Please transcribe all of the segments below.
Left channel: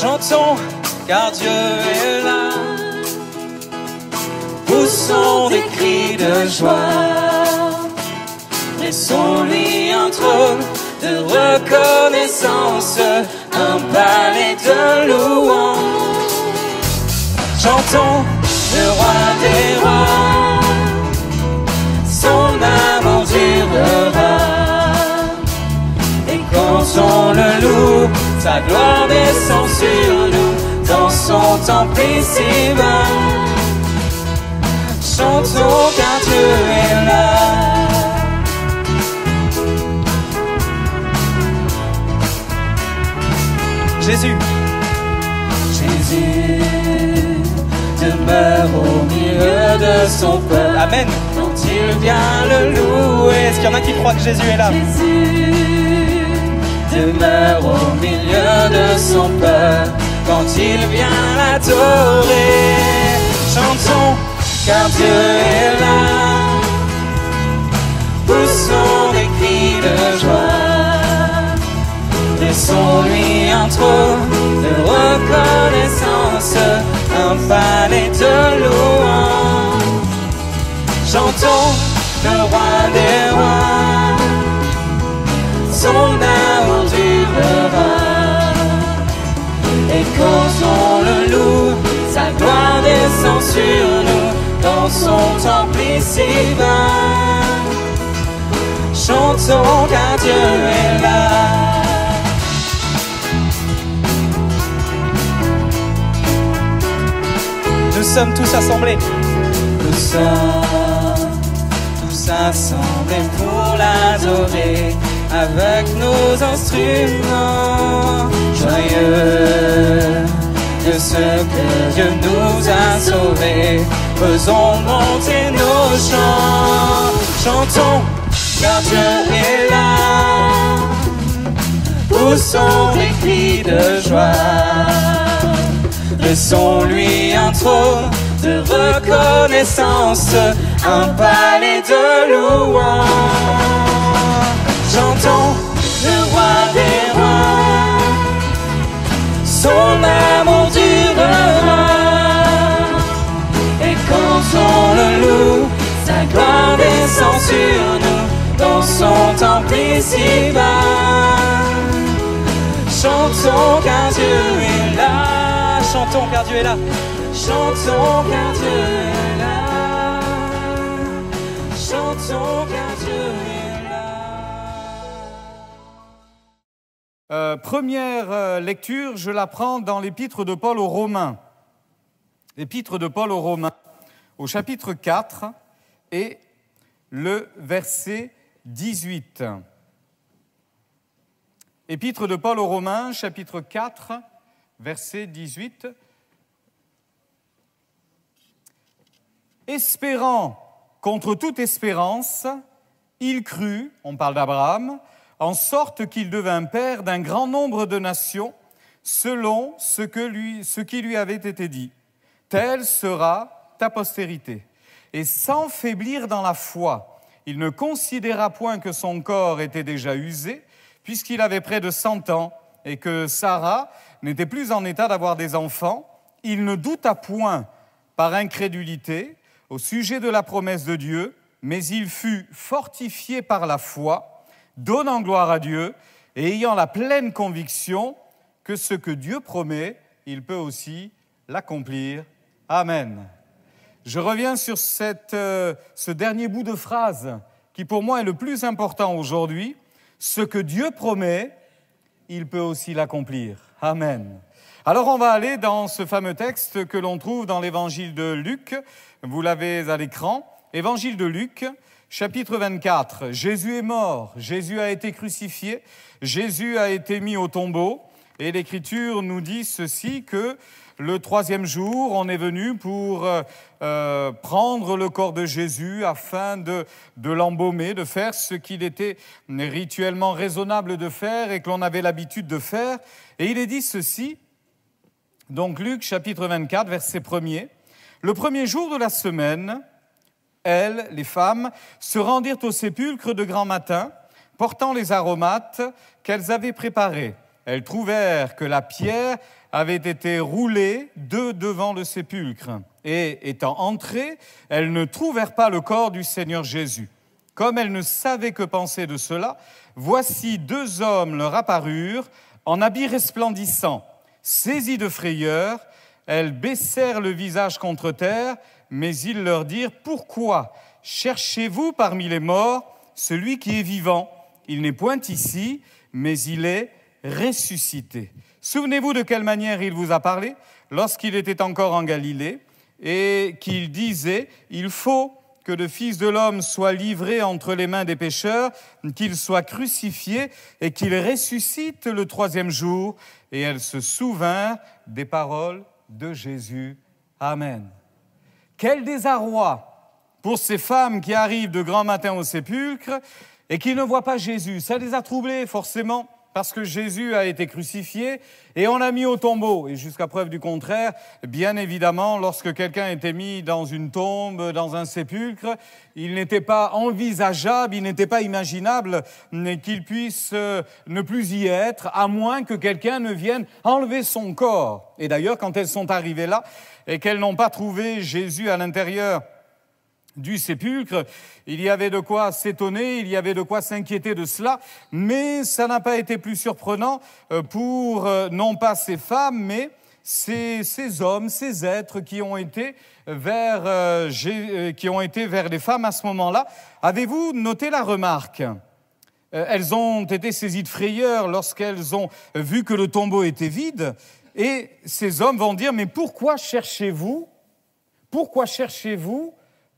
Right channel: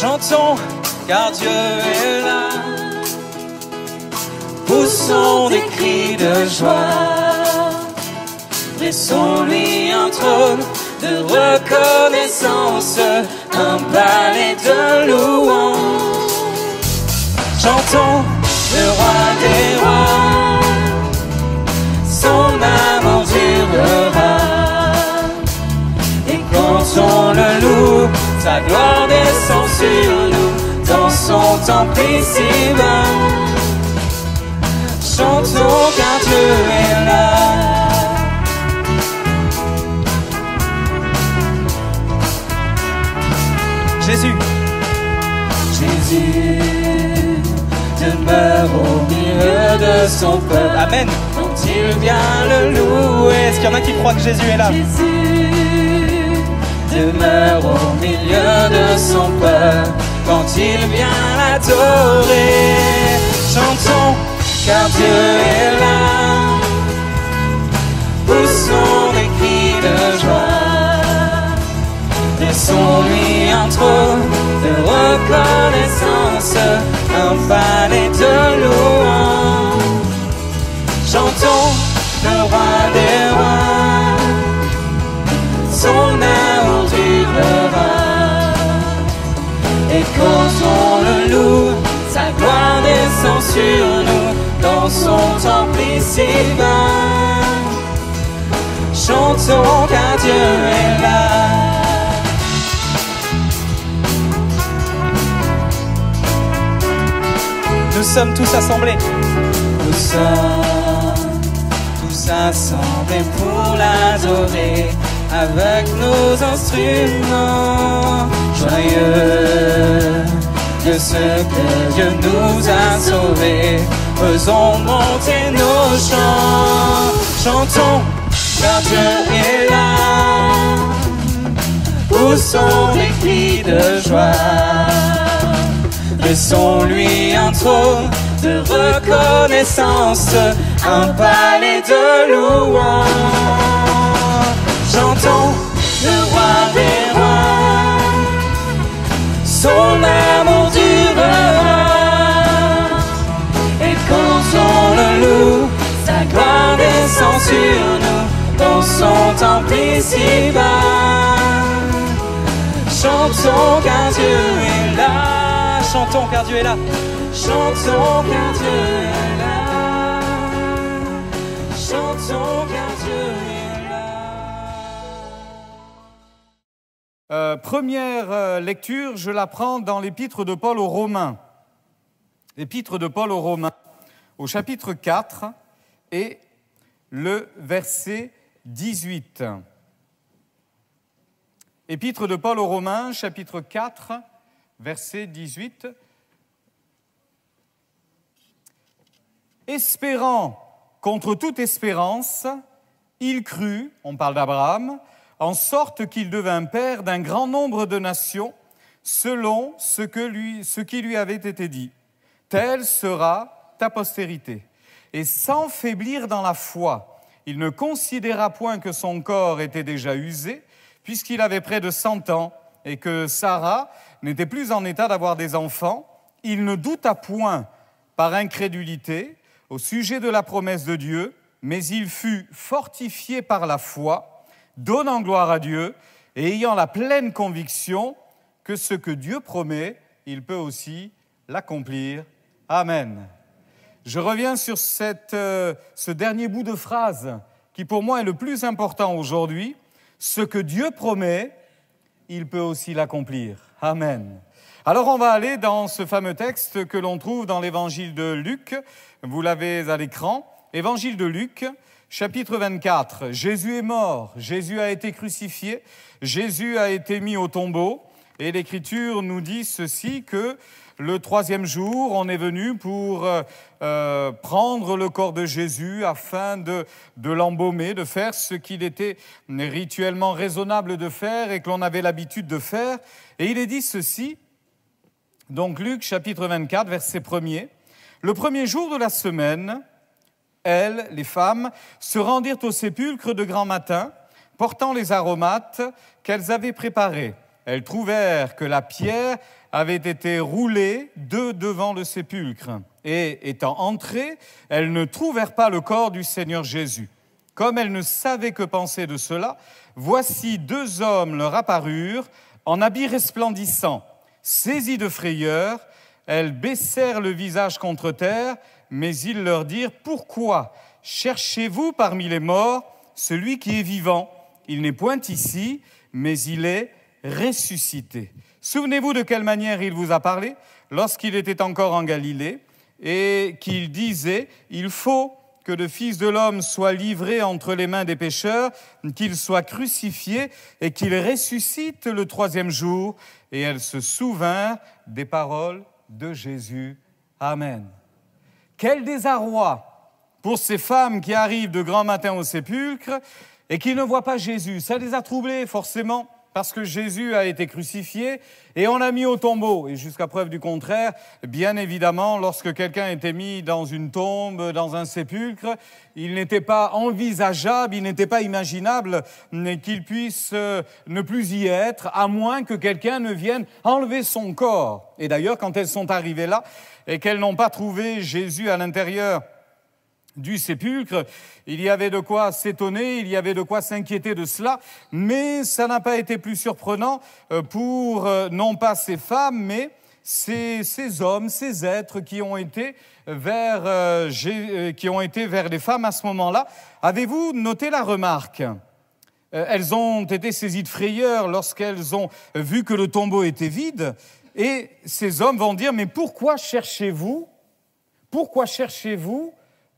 Chantons, car Dieu est là. Poussons des cris de joie. Laissons-lui un trône de reconnaissance, un balai de louange. Chantons le roi des rois, son amour durera. Et comptons-le-nous, sa grande essence sur nous, dans son temple et ses mains. Chantons car Dieu est là. Jésus demeure au milieu de son peuple. Amen. Quand il vient le louer. Est-ce qu'il y en a qui croient que Jésus est là? Demeure au milieu de son peuple. Quand il vient l'adorer. Chantons car Dieu est là. Poussons des cris de joie. Laissons-lui un trône de reconnaissance, un balai de louange. Chantons le roi des rois, son amour durera. Et comptons-le-nous, sa grande essence sur nous, dans son temple et ses mains. Chantons car Dieu est là. Nous sommes tous assemblés. Nous sommes tous assemblés pour l'adorer avec nos instruments. Joyeux que ce que Dieu nous a sauvés, faisons monter nos chants. Chantons car Dieu est là. Poussons des cris de joie. Laissons-lui un trône de reconnaissance, un balai de louange. Chantons le roi des rois, son amour durera. Et comptons-le-nous, sa grande essence sur nous, dans son temple et ses mains. Chantons car Dieu est là. Chantons car Dieu est là. Chantons car Dieu est là. Chantons car Dieu est là. Première lecture, je la prends dans l'épître de Paul aux Romains. L'épître de Paul aux Romains, au chapitre 4 et le verset 18. Épître de Paul aux Romains, chapitre 4, verset 18. Espérant contre toute espérance, il crut, on parle d'Abraham, en sorte qu'il devint père d'un grand nombre de nations, selon ce qui lui avait été dit. Telle sera ta postérité. Et sans faiblir dans la foi, il ne considéra point que son corps était déjà usé, puisqu'il avait près de 100 ans, et que Sarah n'était plus en état d'avoir des enfants. Il ne douta point par incrédulité au sujet de la promesse de Dieu, mais il fut fortifié par la foi, donnant gloire à Dieu, et ayant la pleine conviction que ce que Dieu promet, il peut aussi l'accomplir. Amen. Je reviens sur ce dernier bout de phrase qui pour moi est le plus important aujourd'hui. Ce que Dieu promet, il peut aussi l'accomplir. Amen. Alors on va aller dans ce fameux texte que l'on trouve dans l'évangile de Luc. Vous l'avez à l'écran. Évangile de Luc, chapitre 24. Jésus est mort, Jésus a été crucifié, Jésus a été mis au tombeau. Et l'Écriture nous dit ceci, que le 3e jour, on est venu pour prendre le corps de Jésus afin de l'embaumer, de faire ce qu'il était rituellement raisonnable de faire et que l'on avait l'habitude de faire. Et il est dit ceci, donc Luc chapitre 24, verset 1er. Le 1er jour de la semaine, elles, les femmes, se rendirent au sépulcre de grand matin, portant les aromates qu'elles avaient préparés. Elles trouvèrent que la pierre avait été roulée devant le sépulcre. Et étant entrées, elles ne trouvèrent pas le corps du Seigneur Jésus. Comme elles ne savaient que penser de cela, voici 2 hommes leur apparurent en habits resplendissants. Saisies de frayeur, elles baissèrent le visage contre terre, mais ils leur dirent « Pourquoi cherchez-vous parmi les morts celui qui est vivant? Il n'est point ici, mais il est ressuscité. » Souvenez-vous de quelle manière il vous a parlé lorsqu'il était encore en Galilée et qu'il disait « Il faut que le Fils de l'homme soit livré entre les mains des pécheurs, qu'il soit crucifié et qu'il ressuscite le 3e jour. » Et elles se souvinrent des paroles de Jésus. Amen. Quel désarroi pour ces femmes qui arrivent de grand matin au sépulcre et qui ne voient pas Jésus. Ça les a troublées forcément parce que Jésus a été crucifié et on l'a mis au tombeau. Et jusqu'à preuve du contraire, bien évidemment, lorsque quelqu'un était mis dans une tombe, dans un sépulcre, il n'était pas envisageable, il n'était pas imaginable qu'il puisse ne plus y être, à moins que quelqu'un ne vienne enlever son corps. Et d'ailleurs, quand elles sont arrivées là et qu'elles n'ont pas trouvé Jésus à l'intérieur du sépulcre, il y avait de quoi s'étonner, il y avait de quoi s'inquiéter de cela, mais ça n'a pas été plus surprenant pour non pas ces femmes, mais ces hommes, ces êtres qui ont été vers les femmes à ce moment-là. Avez-vous noté la remarque ? Elles ont été saisies de frayeur lorsqu'elles ont vu que le tombeau était vide, et ces hommes vont dire « Mais pourquoi cherchez-vous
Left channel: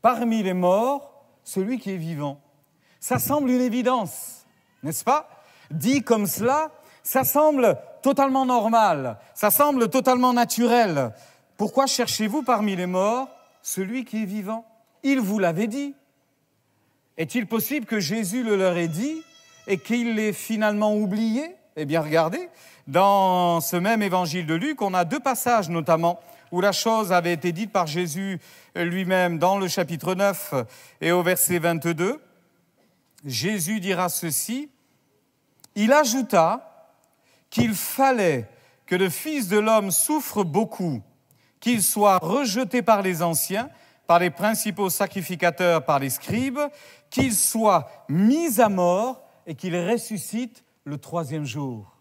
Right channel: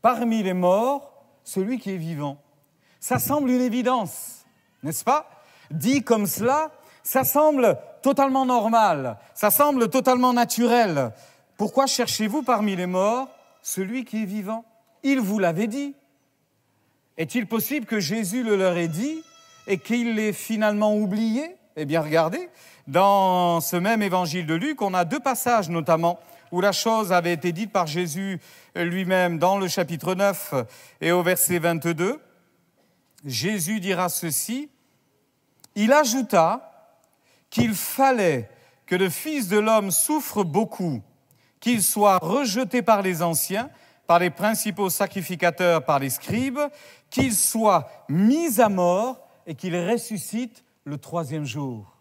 parmi les morts, celui qui est vivant ?» Ça semble une évidence, n'est-ce pas? Dit comme cela, ça semble totalement normal, ça semble totalement naturel. Pourquoi cherchez-vous parmi les morts celui qui est vivant? Il vous l'avait dit. Est-il possible que Jésus le leur ait dit et qu'il l'ait finalement oublié? Eh bien, regardez, dans ce même évangile de Luc, on a 2 passages notamment où la chose avait été dite par Jésus lui-même dans le chapitre 9 et au verset 22. Jésus dira ceci, « Il ajouta qu'il fallait que le Fils de l'homme souffre beaucoup, qu'il soit rejeté par les anciens, par les principaux sacrificateurs, par les scribes, qu'il soit mis à mort et qu'il ressuscite le 3e jour. »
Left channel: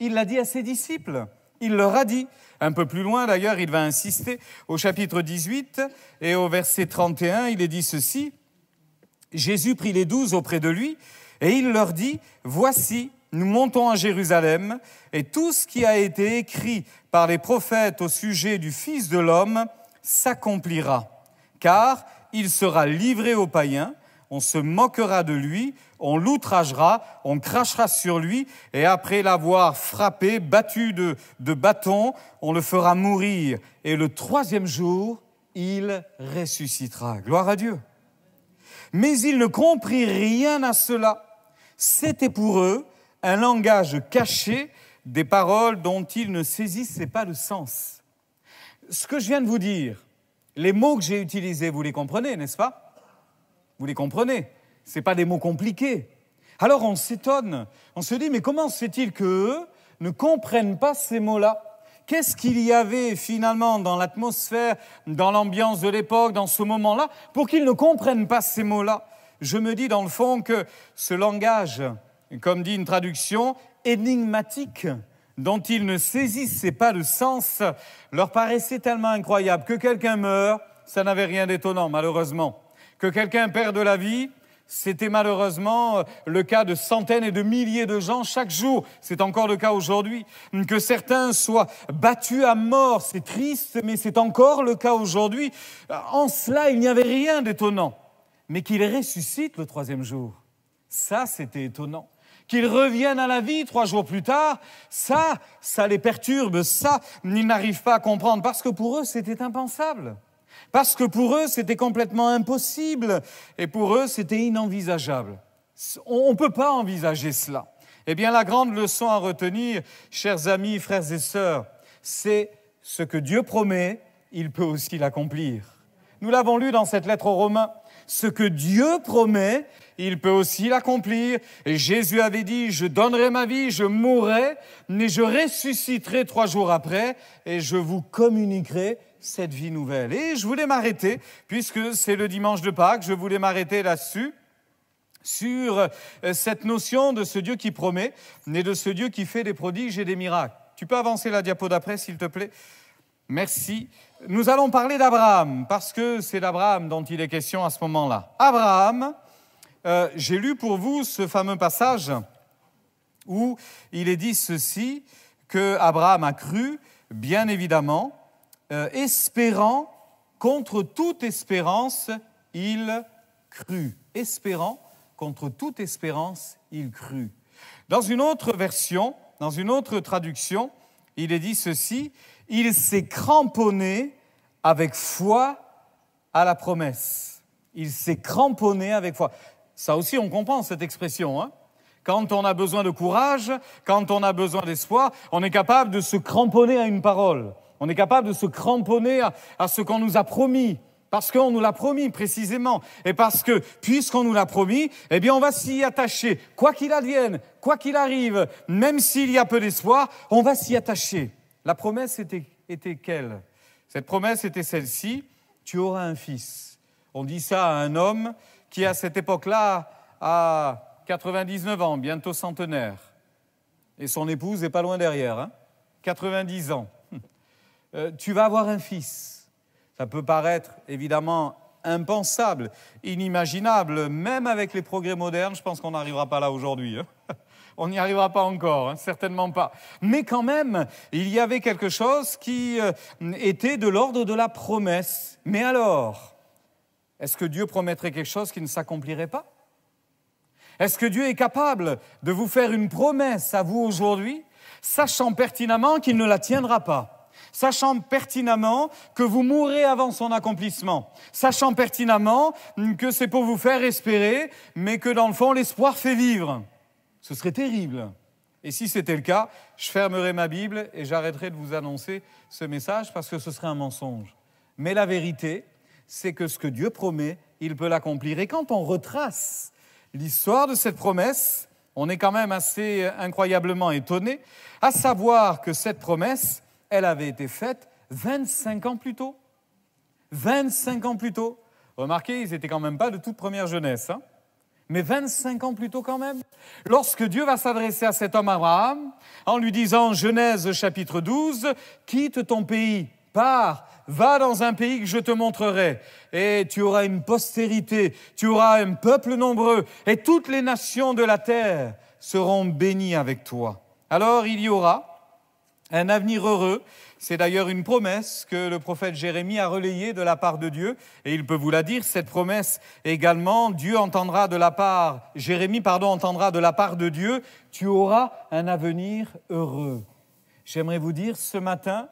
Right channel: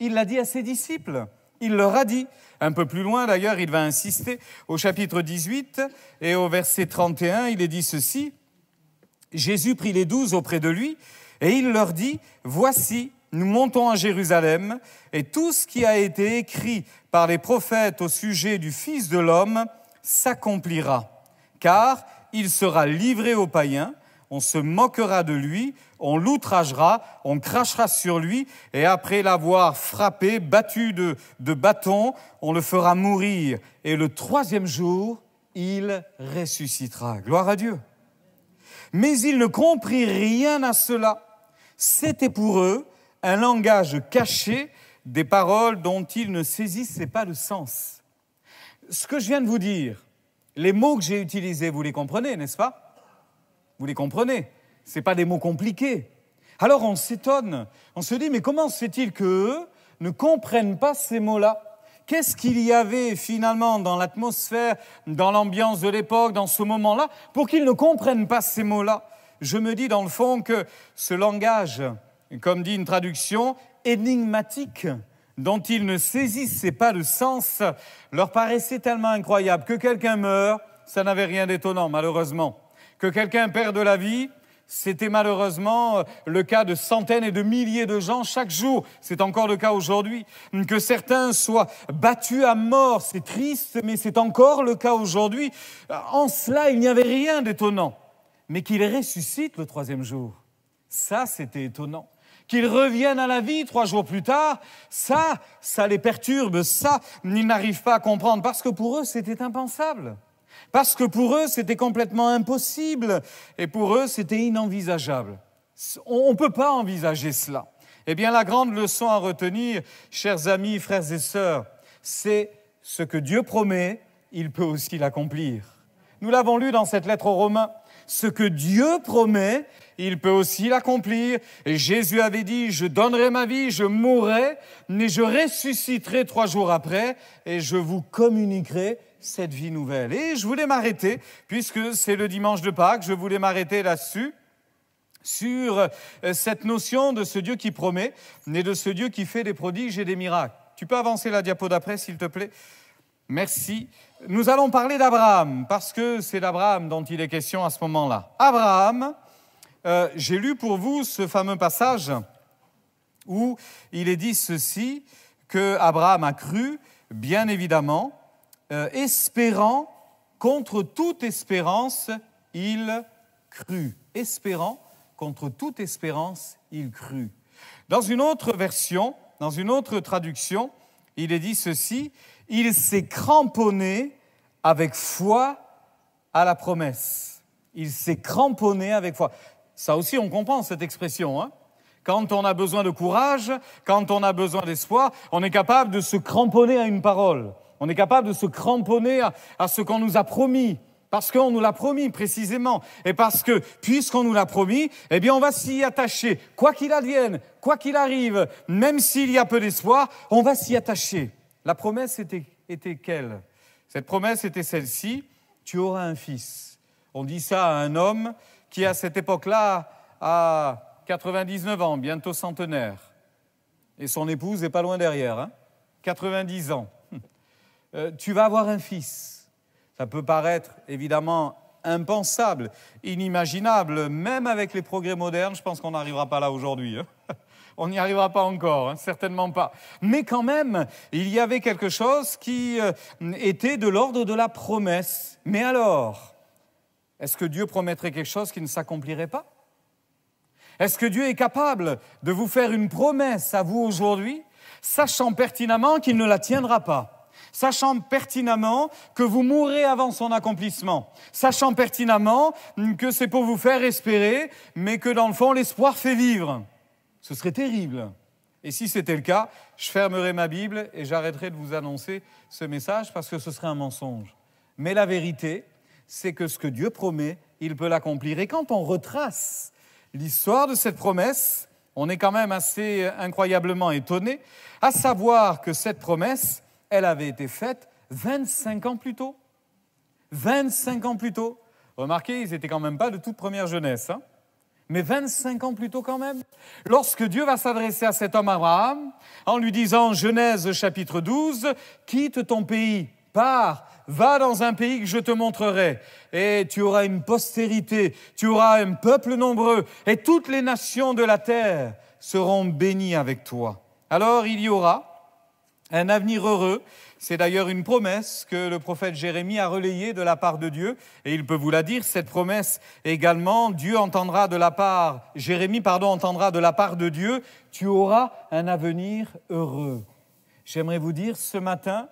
Il l'a dit à ses disciples. Il leur a dit, un peu plus loin d'ailleurs, il va insister, au chapitre 18 et au verset 31, il est dit ceci, « Jésus prit les 12 auprès de lui et il leur dit, « Voici, nous montons à Jérusalem et tout ce qui a été écrit par les prophètes au sujet du Fils de l'homme s'accomplira, car il sera livré aux païens, on se moquera de lui, on l'outragera, on crachera sur lui, et après l'avoir frappé, battu de bâtons, on le fera mourir. Et le troisième jour, il ressuscitera. Gloire à Dieu. Mais ils ne comprirent rien à cela. C'était pour eux un langage caché, des paroles dont ils ne saisissaient pas le sens. Ce que je viens de vous dire, les mots que j'ai utilisés, vous les comprenez, n'est-ce pas ? Vous les comprenez, ce n'est pas des mots compliqués. Alors on s'étonne, on se dit, mais comment se fait-il qu'eux ne comprennent pas ces mots-là ? Qu'est-ce qu'il y avait finalement dans l'atmosphère, dans l'ambiance de l'époque, dans ce moment-là, pour qu'ils ne comprennent pas ces mots-là ? Je me dis dans le fond que ce langage, comme dit une traduction, énigmatique, dont ils ne saisissaient pas le sens, leur paraissait tellement incroyable. Que quelqu'un meure, ça n'avait rien d'étonnant, malheureusement. Que quelqu'un perde la vie, c'était malheureusement le cas de centaines et de milliers de gens chaque jour. C'est encore le cas aujourd'hui. Que certains soient battus à mort, c'est triste, mais c'est encore le cas aujourd'hui. En cela, il n'y avait rien d'étonnant. Mais qu'ils ressuscitent le troisième jour, ça, c'était étonnant. Qu'ils reviennent à la vie 3 jours plus tard, ça les perturbe, ça, ils n'arrivent pas à comprendre, parce que pour eux, c'était impensable. Parce que pour eux, c'était complètement impossible, et pour eux, c'était inenvisageable. On ne peut pas envisager cela. Eh bien, la grande leçon à retenir, chers amis, frères et sœurs, c'est ce que Dieu promet, il peut aussi l'accomplir. Nous l'avons lu dans cette lettre aux Romains. Ce que Dieu promet, il peut aussi l'accomplir. Et Jésus avait dit, je donnerai ma vie, je mourrai, mais je ressusciterai 3 jours après, et je vous communiquerai cette vie nouvelle. Et je voulais m'arrêter, puisque c'est le dimanche de Pâques, je voulais m'arrêter là-dessus, sur cette notion de ce Dieu qui promet, et de ce Dieu qui fait des prodiges et des miracles. Tu peux avancer la diapo d'après, s'il te plaît ? Merci. Nous allons parler d'Abraham, parce que c'est d'Abraham dont il est question à ce moment-là. Abraham, j'ai lu pour vous ce fameux passage où il est dit ceci, que Abraham a cru, bien évidemment, espérant, contre toute espérance, il crut. Espérant, contre toute espérance, il crut. Dans une autre version, dans une autre traduction, il est dit ceci, il s'est cramponné avec foi à la promesse. Il s'est cramponné avec foi. Ça aussi, on comprend cette expression, hein ? Quand on a besoin de courage, quand on a besoin d'espoir, on est capable de se cramponner à une parole. On est capable de se cramponner à ce qu'on nous a promis, parce qu'on nous l'a promis précisément. Et parce que, puisqu'on nous l'a promis, eh bien on va s'y attacher. Quoi qu'il advienne, quoi qu'il arrive, même s'il y a peu d'espoir, on va s'y attacher. La promesse était quelle ? Cette promesse était celle-ci, tu auras un fils. On dit ça à un homme qui, à cette époque-là, a 99 ans, bientôt centenaire. Et son épouse n'est pas loin derrière, hein ? 90 ans. Tu vas avoir un fils. Ça peut paraître évidemment impensable, inimaginable, même avec les progrès modernes, je pense qu'on n'arrivera pas là aujourd'hui. Hein. On n'y arrivera pas encore, hein, certainement pas. Mais quand même, il y avait quelque chose qui était de l'ordre de la promesse. Mais alors, est-ce que Dieu promettrait quelque chose qui ne s'accomplirait pas ? Est-ce que Dieu est capable de vous faire une promesse à vous aujourd'hui, sachant pertinemment qu'il ne la tiendra pas ? Sachant pertinemment que vous mourrez avant son accomplissement, sachant pertinemment que c'est pour vous faire espérer, mais que dans le fond, l'espoir fait vivre. Ce serait terrible. Et si c'était le cas, je fermerai ma Bible et j'arrêterai de vous annoncer ce message parce que ce serait un mensonge. Mais la vérité, c'est que ce que Dieu promet, il peut l'accomplir. Et quand on retrace l'histoire de cette promesse, on est quand même assez incroyablement étonné, à savoir que cette promesse, elle avait été faite 25 ans plus tôt. 25 ans plus tôt. Remarquez, ils n'étaient quand même pas de toute première jeunesse. Hein, mais 25 ans plus tôt quand même. Lorsque Dieu va s'adresser à cet homme Abraham, en lui disant, Genèse chapitre 12, « Quitte ton pays, pars, va dans un pays que je te montrerai, et tu auras une postérité, tu auras un peuple nombreux, et toutes les nations de la terre seront bénies avec toi. » Alors il y aura un avenir heureux, C'est d'ailleurs une promesse que le prophète Jérémie a relayée de la part de Dieu. Et il peut vous la dire, cette promesse également, Jérémie entendra de la part de Dieu, tu auras un avenir heureux. J'aimerais vous dire ce matin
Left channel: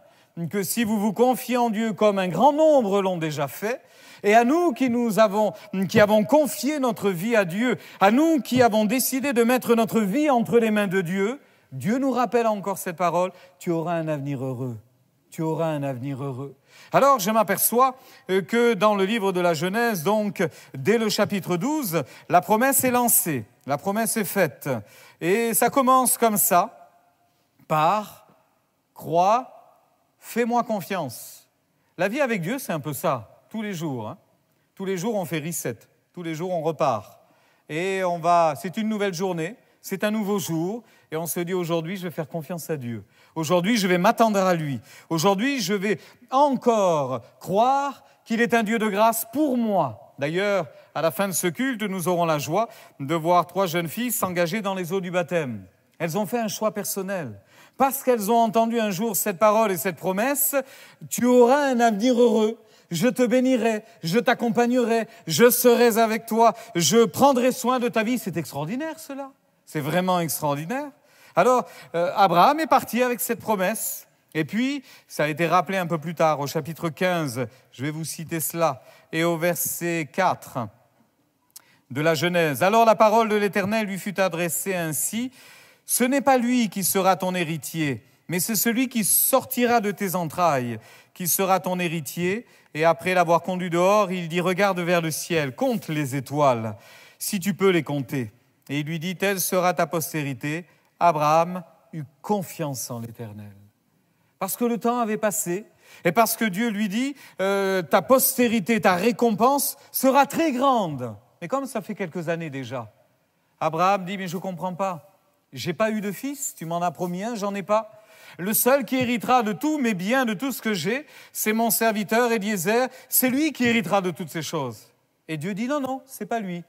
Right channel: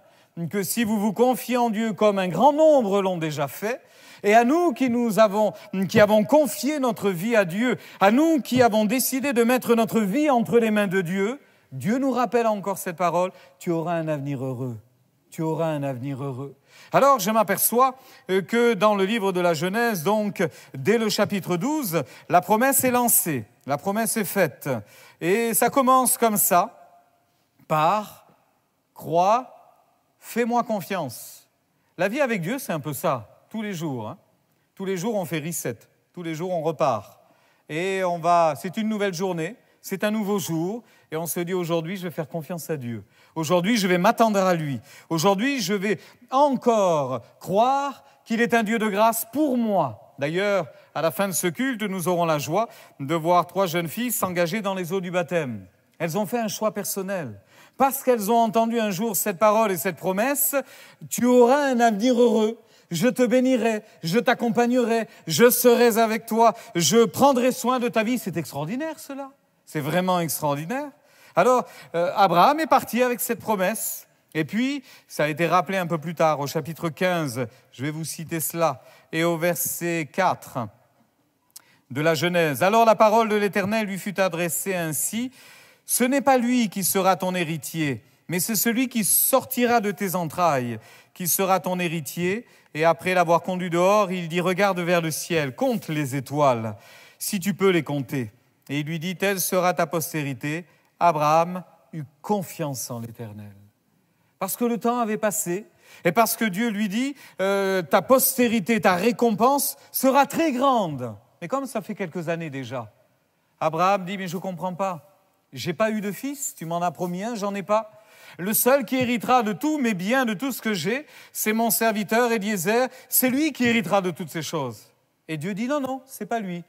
que si vous vous confiez en Dieu comme un grand nombre l'ont déjà fait, et à nous qui avons confié notre vie à Dieu, à nous qui avons décidé de mettre notre vie entre les mains de Dieu, Dieu nous rappelle encore cette parole, tu auras un avenir heureux. Tu auras un avenir heureux. Alors, je m'aperçois que dans le livre de la Genèse, donc, dès le chapitre 12, la promesse est lancée, la promesse est faite. Et ça commence comme ça, par « crois, fais-moi confiance ». La vie avec Dieu, c'est un peu ça, tous les jours. Hein. Tous les jours, on fait reset, tous les jours, on repart. Et c'est une nouvelle journée, c'est un nouveau jour, et on se dit aujourd'hui, je vais faire confiance à Dieu. Aujourd'hui, je vais m'attendre à lui. Aujourd'hui, je vais encore croire qu'il est un Dieu de grâce pour moi. D'ailleurs, à la fin de ce culte, nous aurons la joie de voir 3 jeunes filles s'engager dans les eaux du baptême. Elles ont fait un choix personnel. Parce qu'elles ont entendu un jour cette parole et cette promesse, tu auras un avenir heureux. Je te bénirai, je t'accompagnerai, je serai avec toi, je prendrai soin de ta vie. C'est extraordinaire cela. C'est vraiment extraordinaire. Alors, Abraham est parti avec cette promesse. Et puis, ça a été rappelé un peu plus tard, au chapitre 15, je vais vous citer cela, et au verset 4 de la Genèse. Alors la parole de l'Éternel lui fut adressée ainsi, « Ce n'est pas lui qui sera ton héritier, mais c'est celui qui sortira de tes entrailles, qui sera ton héritier. » Et après l'avoir conduit dehors, il dit, « Regarde vers le ciel, compte les étoiles, si tu peux les compter. » Et il lui dit, « Telle sera ta postérité. » Abraham eut confiance en l'Éternel. Parce que le temps avait passé, et parce que Dieu lui dit, ta postérité, ta récompense sera très grande. Mais comme ça fait quelques années déjà, Abraham dit, mais je ne comprends pas. J'ai pas eu de fils, tu m'en as promis un, j'en ai pas. Le seul qui héritera de tous mes biens, de tout ce que j'ai, c'est mon serviteur Eliezer, c'est lui qui héritera de toutes ces choses. Et Dieu dit, non, non, c'est pas lui.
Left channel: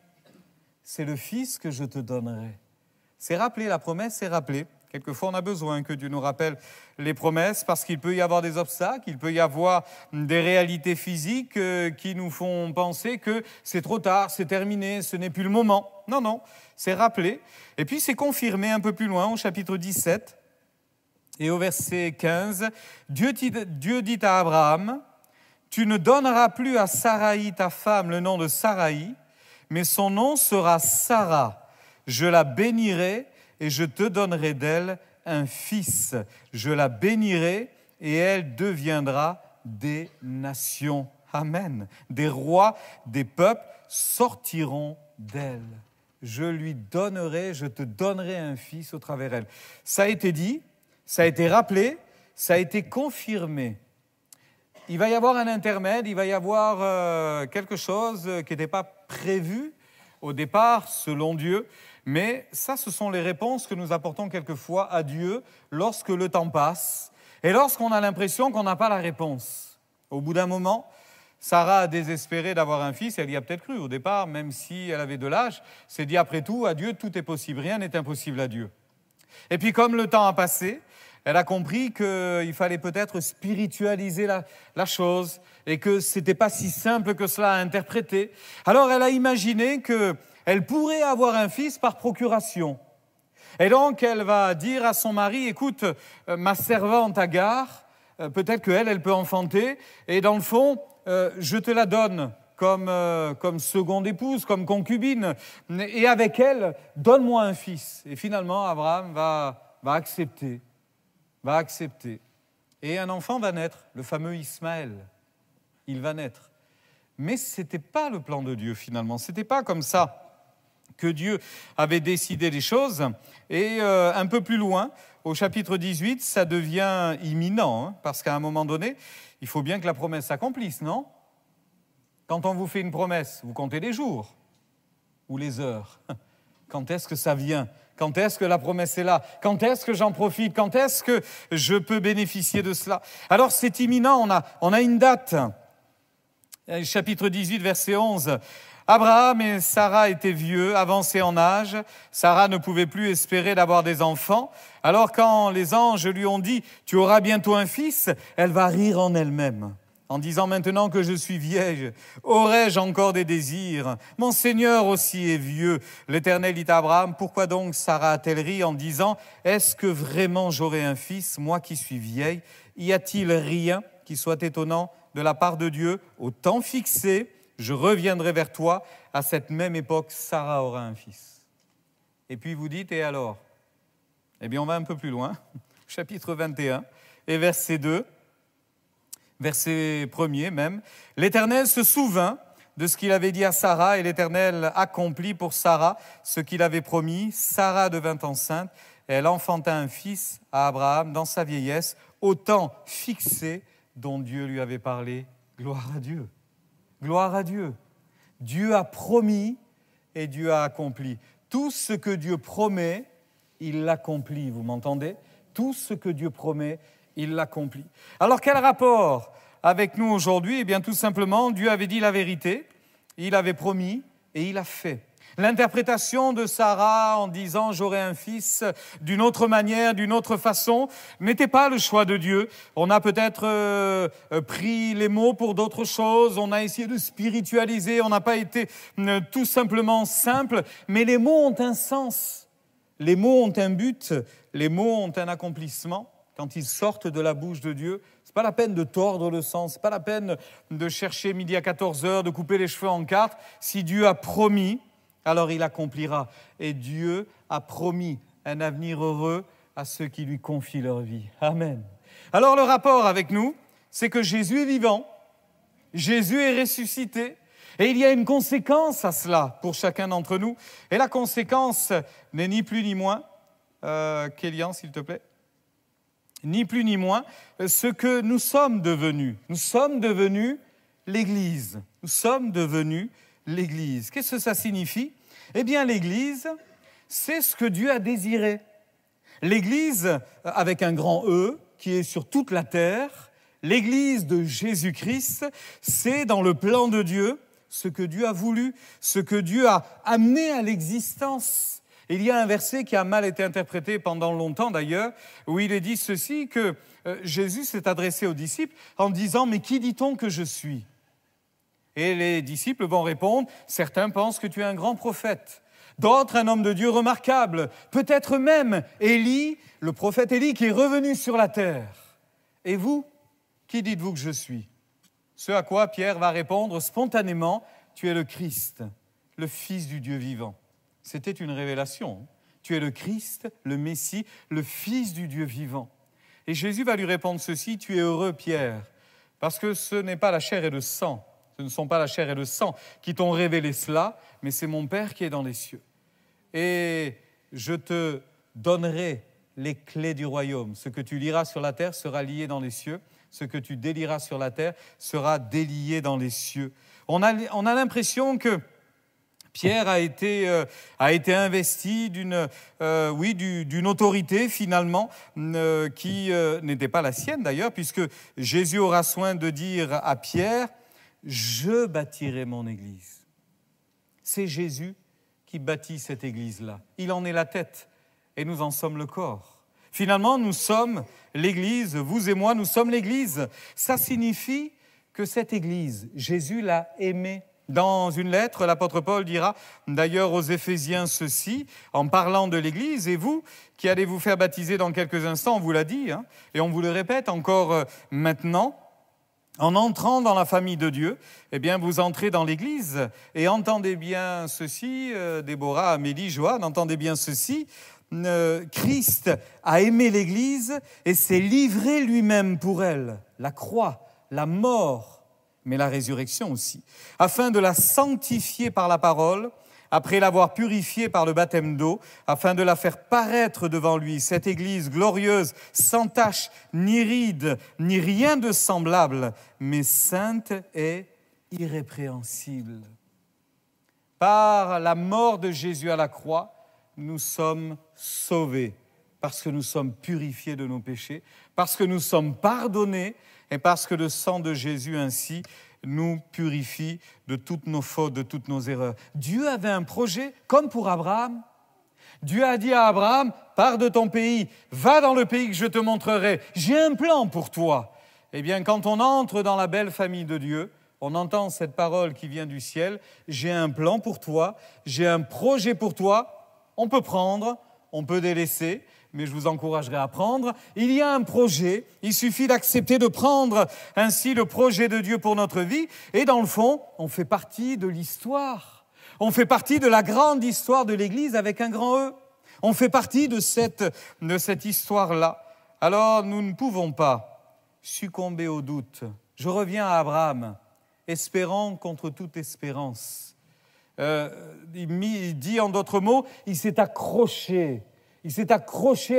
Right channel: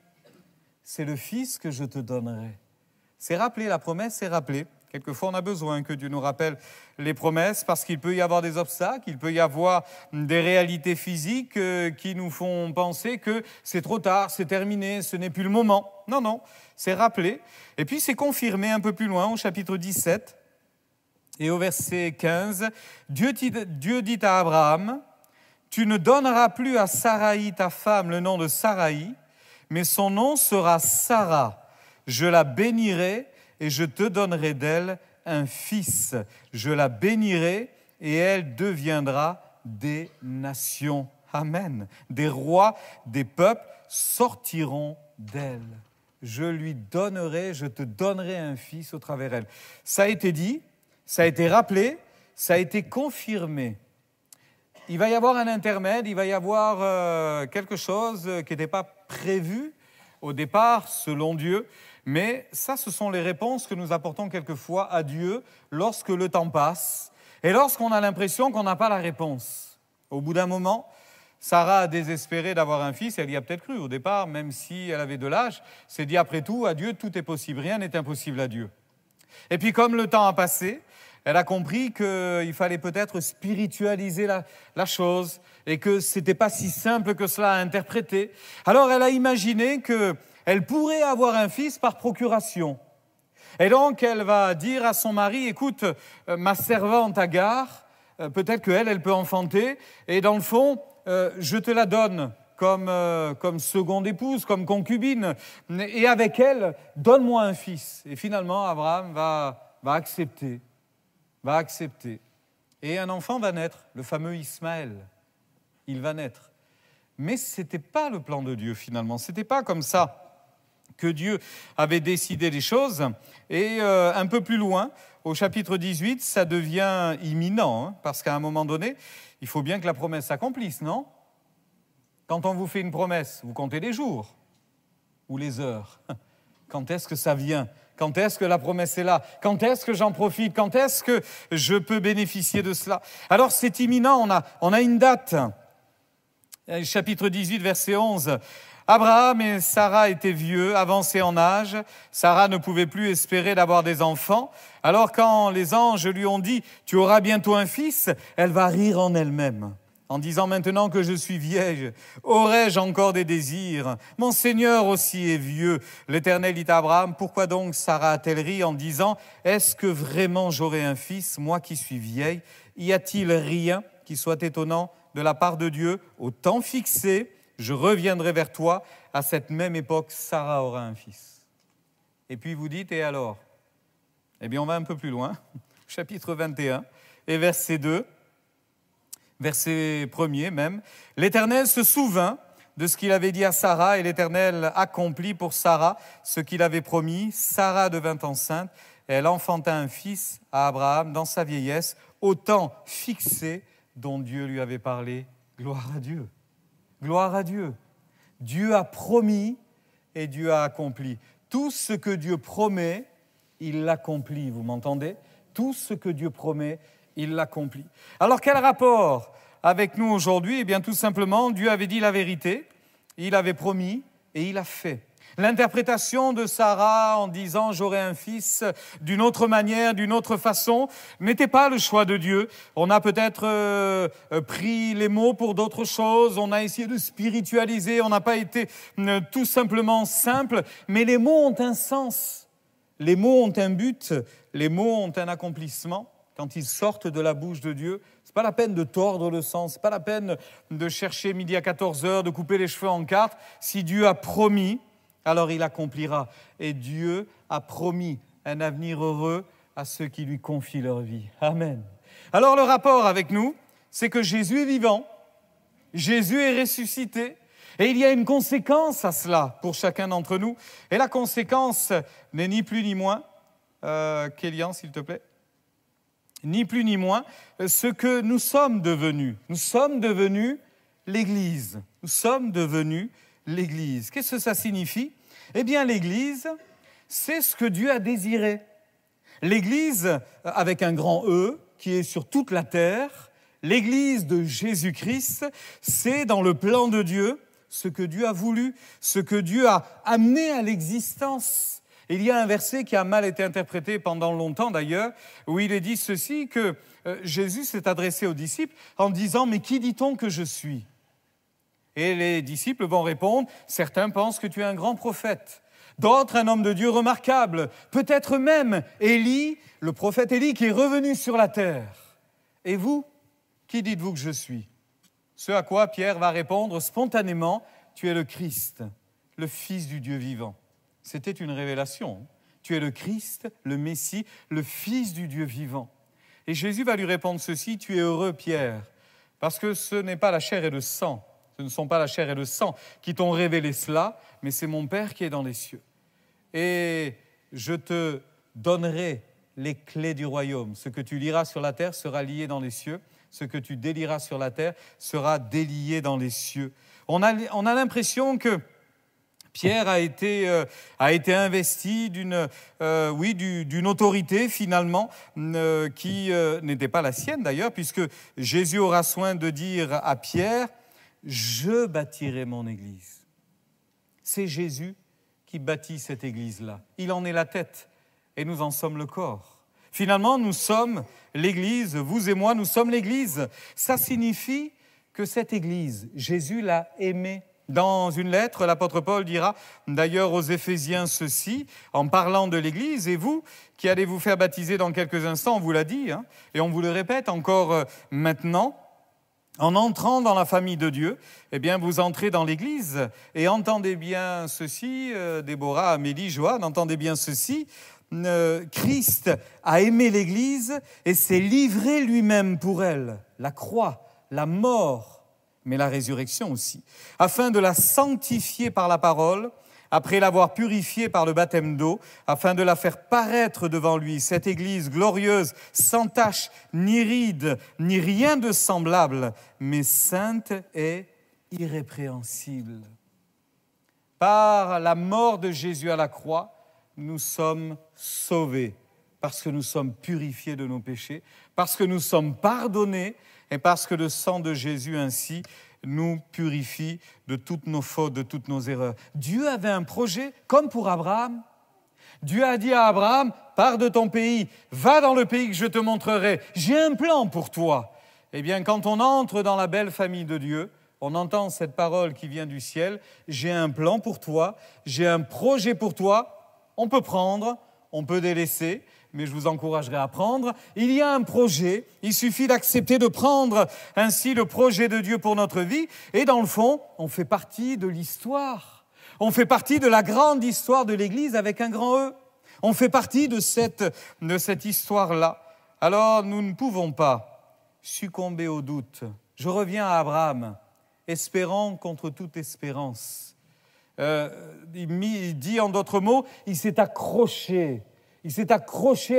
C'est le fils que je te donnerai. C'est rappelé, la promesse, c'est rappelé. Quelquefois, on a besoin que Dieu nous rappelle les promesses parce qu'il peut y avoir des obstacles, il peut y avoir des réalités physiques qui nous font penser que c'est trop tard, c'est terminé, ce n'est plus le moment. Non, non, c'est rappelé. Et puis, c'est confirmé un peu plus loin, au chapitre 17 et au verset 15. Dieu dit à Abraham, « Tu ne donneras plus à Saraï, ta femme, le nom de Saraï, mais son nom sera Sarah. Je la bénirai et je te donnerai d'elle un fils. Je la bénirai et elle deviendra des nations. » Amen. Des rois, des peuples sortiront d'elle. Je lui donnerai, je te donnerai un fils au travers d'elle. Ça a été dit, ça a été rappelé, ça a été confirmé. Il va y avoir un intermède, il va y avoir quelque chose qui n'était pas prévu au départ, selon Dieu. Mais ça, ce sont les réponses que nous apportons quelquefois à Dieu lorsque le temps passe et lorsqu'on a l'impression qu'on n'a pas la réponse. Au bout d'un moment, Sarah a désespéré d'avoir un fils, elle y a peut-être cru au départ, même si elle avait de l'âge, s'est dit après tout, à Dieu, tout est possible, rien n'est impossible à Dieu. Et puis comme le temps a passé, elle a compris qu'il fallait peut-être spiritualiser la chose et que ce n'était pas si simple que cela à interpréter. Alors elle a imaginé qu'elle pourrait avoir un fils par procuration. Et donc elle va dire à son mari, écoute, ma servante Agar, peut-être qu'elle peut enfanter, et dans le fond, je te la donne comme seconde épouse, comme concubine, et avec elle, donne-moi un fils. Et finalement, Abraham va accepter. Et un enfant va naître, le fameux Ismaël. Il va naître. Mais ce n'était pas le plan de Dieu finalement, ce n'était pas comme ça que Dieu avait décidé les choses. Et un peu plus loin, au chapitre 18, ça devient imminent, parce qu'à un moment donné, il faut bien que la promesse s'accomplisse, non ? Quand on vous fait une promesse, vous comptez les jours ou les heures. Quand est-ce que ça vient ? Quand est-ce que la promesse est là ? Quand est-ce que j'en profite ? Quand est-ce que je peux bénéficier de cela ? Alors c'est imminent, on a une date. Chapitre 18, verset 11. Abraham et Sarah étaient vieux, avancés en âge. Sarah ne pouvait plus espérer d'avoir des enfants. Alors quand les anges lui ont dit « Tu auras bientôt un fils », elle va rire en elle-même, en disant « Maintenant que je suis vieille, aurais-je encore des désirs? Mon Seigneur aussi est vieux. » L'Éternel dit à Abraham « Pourquoi donc Sarah a-t-elle ri en disant « Est-ce que vraiment j'aurai un fils, moi qui suis vieille? Y a-t-il rien qui soit étonnant de la part de Dieu? Au temps fixé, je reviendrai vers toi. À cette même époque, Sarah aura un fils. » Et puis vous dites « Et alors ?» Eh bien, on va un peu plus loin. Chapitre 21 et verset 2. Verset 1er même. « L'Éternel se souvint de ce qu'il avait dit à Sarah, et l'Éternel accomplit pour Sarah ce qu'il avait promis. Sarah devint enceinte, et elle enfanta un fils à Abraham dans sa vieillesse, au temps fixé dont Dieu lui avait parlé. » Gloire à Dieu. Gloire à Dieu. Dieu a promis et Dieu a accompli. Tout ce que Dieu promet, il l'accomplit. Vous m'entendez? Tout ce que Dieu promet, il l'accomplit. Alors, quel rapport avec nous aujourd'hui? Eh bien, tout simplement, Dieu avait dit la vérité, il avait promis et il a fait. L'interprétation de Sarah en disant « j'aurai un fils » d'une autre manière, d'une autre façon, n'était pas le choix de Dieu. On a peut-être pris les mots pour d'autres choses, on a essayé de spiritualiser, on n'a pas été tout simplement simple, mais les mots ont un sens, les mots ont un but, les mots ont un accomplissement. Quand ils sortent de la bouche de Dieu, ce n'est pas la peine de tordre le sens, ce n'est pas la peine de chercher midi à 14h, de couper les cheveux en quatre. Si Dieu a promis, alors il accomplira. Et Dieu a promis un avenir heureux à ceux qui lui confient leur vie. Amen. Alors le rapport avec nous, c'est que Jésus est vivant, Jésus est ressuscité, et il y a une conséquence à cela pour chacun d'entre nous. Et la conséquence n'est ni plus ni moins, Kélian s'il te plaît, ni plus ni moins ce que nous sommes devenus. Nous sommes devenus l'Église. Nous sommes devenus l'Église. Qu'est-ce que ça signifie? Eh bien, l'Église, c'est ce que Dieu a désiré. L'Église, avec un grand E, qui est sur toute la terre, l'Église de Jésus-Christ, c'est dans le plan de Dieu ce que Dieu a voulu, ce que Dieu a amené à l'existence. Il y a un verset qui a mal été interprété pendant longtemps d'ailleurs, où il est dit ceci, que Jésus s'est adressé aux disciples en disant « Mais qui dit-on que je suis ?» Et les disciples vont répondre, certains pensent que tu es un grand prophète, d'autres un homme de Dieu remarquable, peut-être même Élie, le prophète Élie qui est revenu sur la terre. Et vous, qui dites-vous que je suis? Ce à quoi Pierre va répondre spontanément, tu es le Christ, le Fils du Dieu vivant. C'était une révélation. Tu es le Christ, le Messie, le Fils du Dieu vivant. Et Jésus va lui répondre ceci, tu es heureux Pierre, parce que ce n'est pas la chair et le sang, ce ne sont pas la chair et le sang qui t'ont révélé cela, mais c'est mon Père qui est dans les cieux. Et je te donnerai les clés du royaume. Ce que tu liras sur la terre sera lié dans les cieux. Ce que tu délieras sur la terre sera délié dans les cieux. On a l'impression que Pierre a été investi d'une autorité finalement qui n'était pas la sienne d'ailleurs, puisque Jésus aura soin de dire à Pierre « Je bâtirai mon église ». C'est Jésus qui bâtit cette église-là. Il en est la tête et nous en sommes le corps. Finalement, nous sommes l'église, vous et moi, nous sommes l'église. Ça signifie que cette église, Jésus l'a aimée. Dans une lettre, l'apôtre Paul dira d'ailleurs aux Éphésiens ceci, en parlant de l'Église, et vous qui allez vous faire baptiser dans quelques instants, on vous l'a dit, et on vous le répète encore maintenant, en entrant dans la famille de Dieu, eh bien vous entrez dans l'Église, et entendez bien ceci, Déborah, Amélie, Joanne, entendez bien ceci, Christ a aimé l'Église et s'est livré lui-même pour elle, la croix, la mort, mais la résurrection aussi, afin de la sanctifier par la parole, après l'avoir purifiée par le baptême d'eau, afin de la faire paraître devant lui, cette Église glorieuse, sans tache, ni ride, ni rien de semblable, mais sainte et irrépréhensible. Par la mort de Jésus à la croix, nous sommes sauvés, parce que nous sommes purifiés de nos péchés, parce que nous sommes pardonnés, et parce que le sang de Jésus ainsi nous purifie de toutes nos fautes, de toutes nos erreurs. Dieu avait un projet, comme pour Abraham. Dieu a dit à Abraham, pars de ton pays, va dans le pays que je te montrerai. J'ai un plan pour toi. Eh bien, quand on entre dans la belle famille de Dieu, on entend cette parole qui vient du ciel. J'ai un plan pour toi, j'ai un projet pour toi. On peut prendre, on peut délaisser, mais je vous encouragerai à prendre. Il y a un projet, il suffit d'accepter de prendre ainsi le projet de Dieu pour notre vie. Et dans le fond, on fait partie de l'histoire. On fait partie de la grande histoire de l'Église avec un grand E. On fait partie de cette histoire-là. Alors, nous ne pouvons pas succomber au doute. Je reviens à Abraham, espérant contre toute espérance. Il dit en d'autres mots, il s'est accroché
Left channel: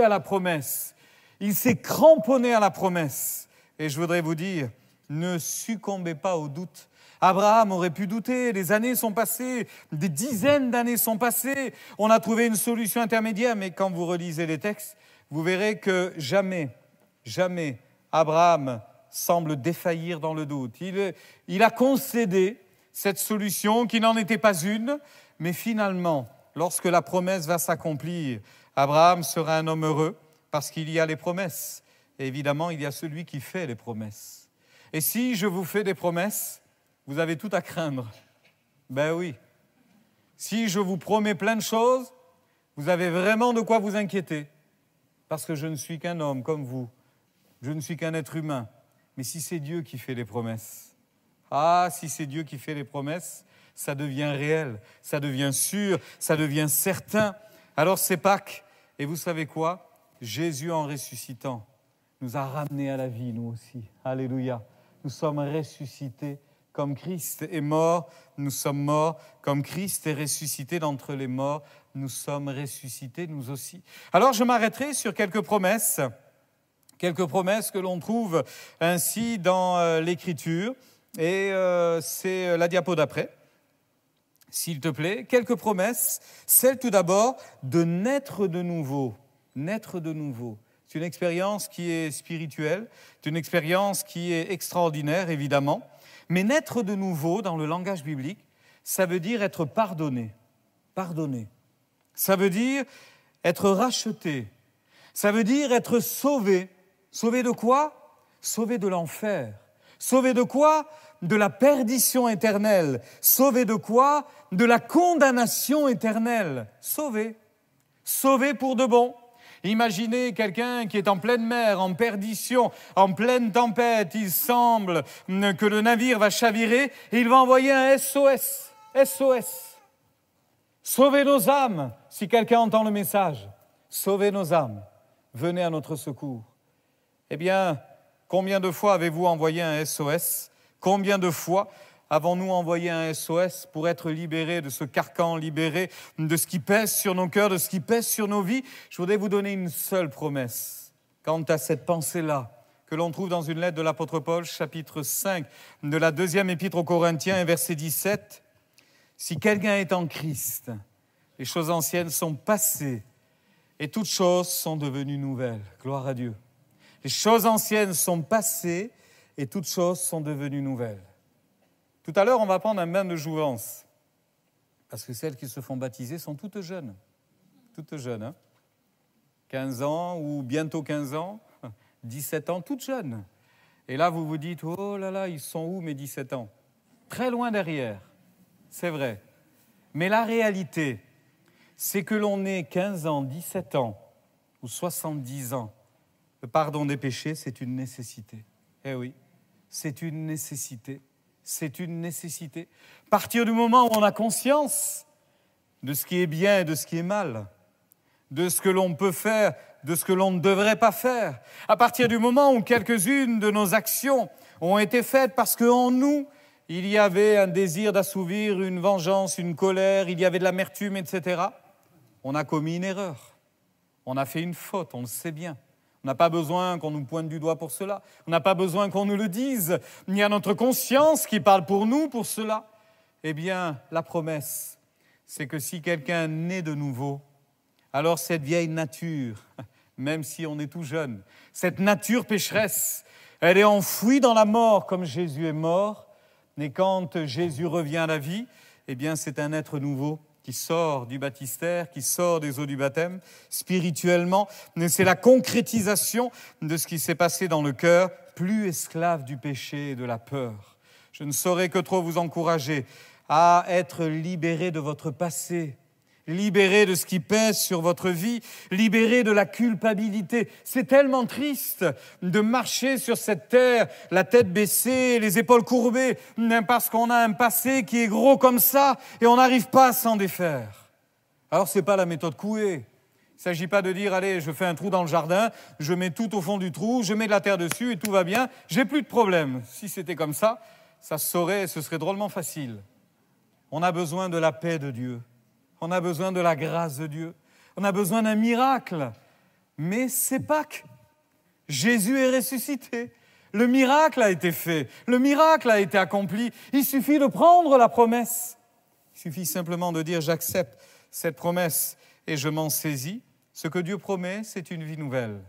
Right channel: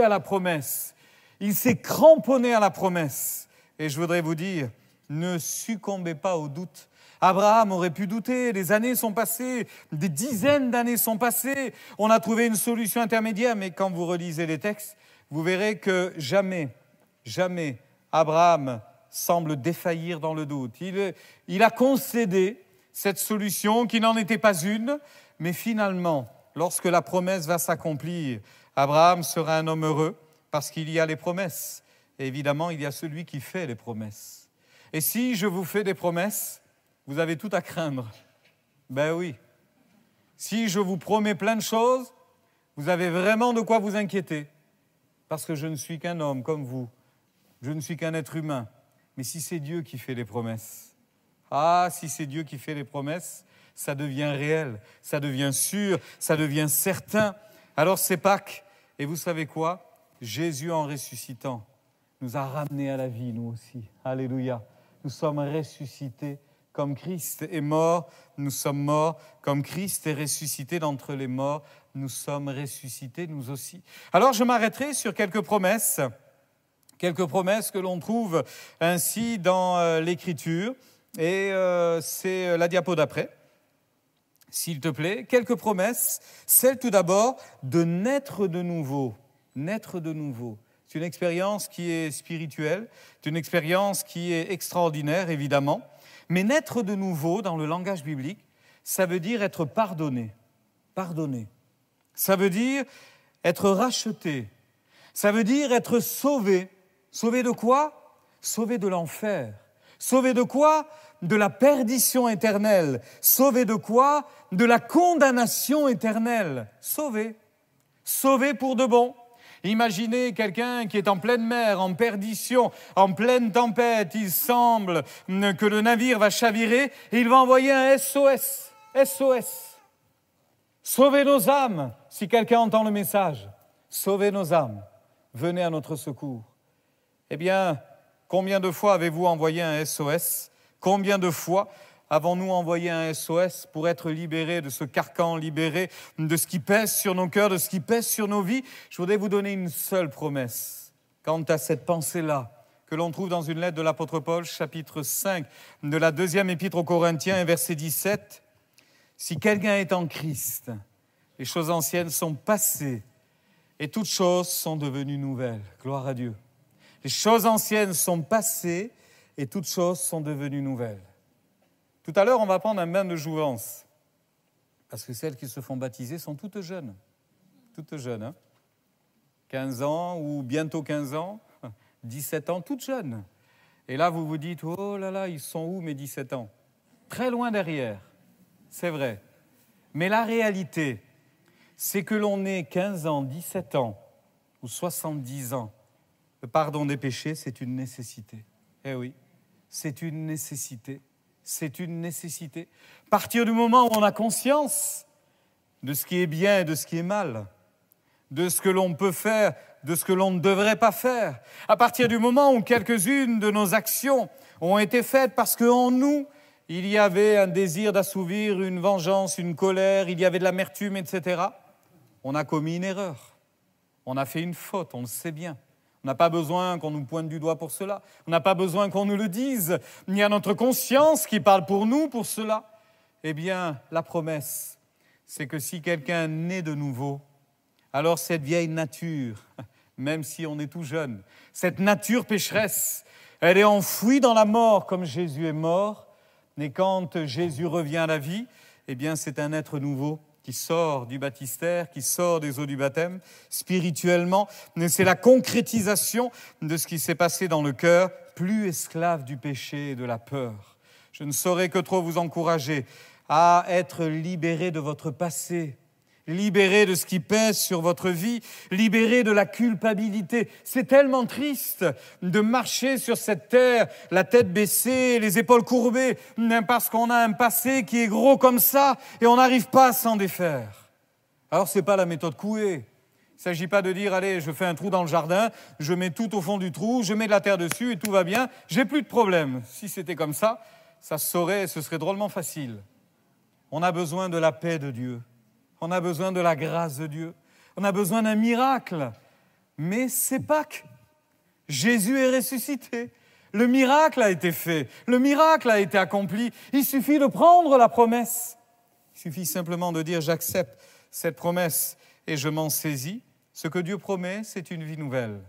à la promesse. Il s'est cramponné à la promesse. Et je voudrais vous dire, ne succombez pas au doute. Abraham aurait pu douter, les années sont passées, des dizaines d'années sont passées, on a trouvé une solution intermédiaire, mais quand vous relisez les textes, vous verrez que jamais Abraham semble défaillir dans le doute. Il a concédé cette solution qui n'en était pas une, mais finalement, lorsque la promesse va s'accomplir, Abraham sera un homme heureux parce qu'il y a les promesses. Et évidemment, il y a celui qui fait les promesses. Et si je vous fais des promesses, vous avez tout à craindre. Ben oui. Si je vous promets plein de choses, vous avez vraiment de quoi vous inquiéter. Parce que je ne suis qu'un homme comme vous. Je ne suis qu'un être humain. Mais si c'est Dieu qui fait les promesses, si c'est Dieu qui fait les promesses, ça devient réel, ça devient sûr, ça devient certain. Alors c'est Pâques. Et vous savez quoi? Jésus, en ressuscitant, nous a ramenés à la vie, nous aussi. Alléluia. Nous sommes ressuscités. Comme Christ est mort, nous sommes morts. Comme Christ est ressuscité d'entre les morts, nous sommes ressuscités, nous aussi. Alors, je m'arrêterai sur quelques promesses que l'on trouve ainsi dans l'Écriture. Et c'est la diapo d'après, s'il te plaît. Quelques promesses. Celle tout d'abord de naître de nouveau. Naître de nouveau. C'est une expérience qui est spirituelle, c'est une expérience qui est extraordinaire, évidemment. Mais naître de nouveau, dans le langage biblique, ça veut dire être pardonné. Pardonné. Ça veut dire être racheté. Ça veut dire être sauvé. Sauvé de quoi? Sauvé de l'enfer. Sauvé de quoi? De la perdition éternelle. Sauvé de quoi? De la condamnation éternelle. Sauvé. Sauvé pour de bon. Imaginez quelqu'un qui est en pleine mer, en perdition, en pleine tempête. Il semble que le navire va chavirer et il va envoyer un SOS. SOS. Sauvez nos âmes, si quelqu'un entend le message. Sauvez nos âmes. Venez à notre secours. Eh bien, combien de fois avez-vous envoyé un SOS? Combien de fois avons-nous envoyé un SOS pour être libérés de ce carcan, libérés de ce qui pèse sur nos cœurs, de ce qui pèse sur nos vies? Je voudrais vous donner une seule promesse quant à cette pensée-là que l'on trouve dans une lettre de l'apôtre Paul, chapitre 5 de la 2e épître aux Corinthiens, verset 17. Si quelqu'un est en Christ, les choses anciennes sont passées et toutes choses sont devenues nouvelles. Gloire à Dieu. Les choses anciennes sont passées et toutes choses sont devenues nouvelles. Tout à l'heure, on va prendre un bain de jouvence, parce que celles qui se font baptiser sont toutes jeunes, hein? 15 ans ou bientôt 15 ans, 17 ans, toutes jeunes. Et là, vous vous dites, oh là là, ils sont où mes 17 ans? Très loin derrière, c'est vrai. Mais la réalité, c'est que l'on ait 15 ans, 17 ans ou 70 ans. Le pardon des péchés, c'est une nécessité. Eh oui, c'est une nécessité. C'est une nécessité. À partir du moment où on a conscience de ce qui est bien et de ce qui est mal, de ce que l'on peut faire, de ce que l'on ne devrait pas faire, à partir du moment où quelques-unes de nos actions ont été faites parce qu'en nous, il y avait un désir d'assouvir, une vengeance, une colère, il y avait de l'amertume, etc., on a commis une erreur. On a fait une faute, on le sait bien. On n'a pas besoin qu'on nous pointe du doigt pour cela. On n'a pas besoin qu'on nous le dise. Il y a notre conscience qui parle pour nous pour cela. Eh bien, la promesse, c'est que si quelqu'un naît de nouveau, alors cette vieille nature, même si on est tout jeune, cette nature pécheresse, elle est enfouie dans la mort comme Jésus est mort. Mais quand Jésus revient à la vie, eh bien c'est un être nouveau qui sort du baptistère, qui sort des eaux du baptême. Spirituellement, c'est la concrétisation de ce qui s'est passé dans le cœur, plus esclave du péché et de la peur. Je ne saurais que trop vous encourager à être libéré de votre passé, libéré de ce qui pèse sur votre vie, libéré de la culpabilité. C'est tellement triste de marcher sur cette terre, la tête baissée, les épaules courbées, parce qu'on a un passé qui est gros comme ça et on n'arrive pas à s'en défaire. Alors, ce n'est pas la méthode Coué. Il ne s'agit pas de dire, allez, je fais un trou dans le jardin, je mets tout au fond du trou, je mets de la terre dessus et tout va bien, j'ai plus de problème. Si c'était comme ça, ce serait drôlement facile. On a besoin de la paix de Dieu. On a besoin de la grâce de Dieu. On a besoin d'un miracle. Mais c'est Pâques. Jésus est ressuscité. Le miracle a été fait. Le miracle a été accompli. Il suffit de prendre la promesse. Il suffit simplement de dire « j'accepte cette promesse et je m'en saisis ». Ce que Dieu promet, c'est une vie nouvelle.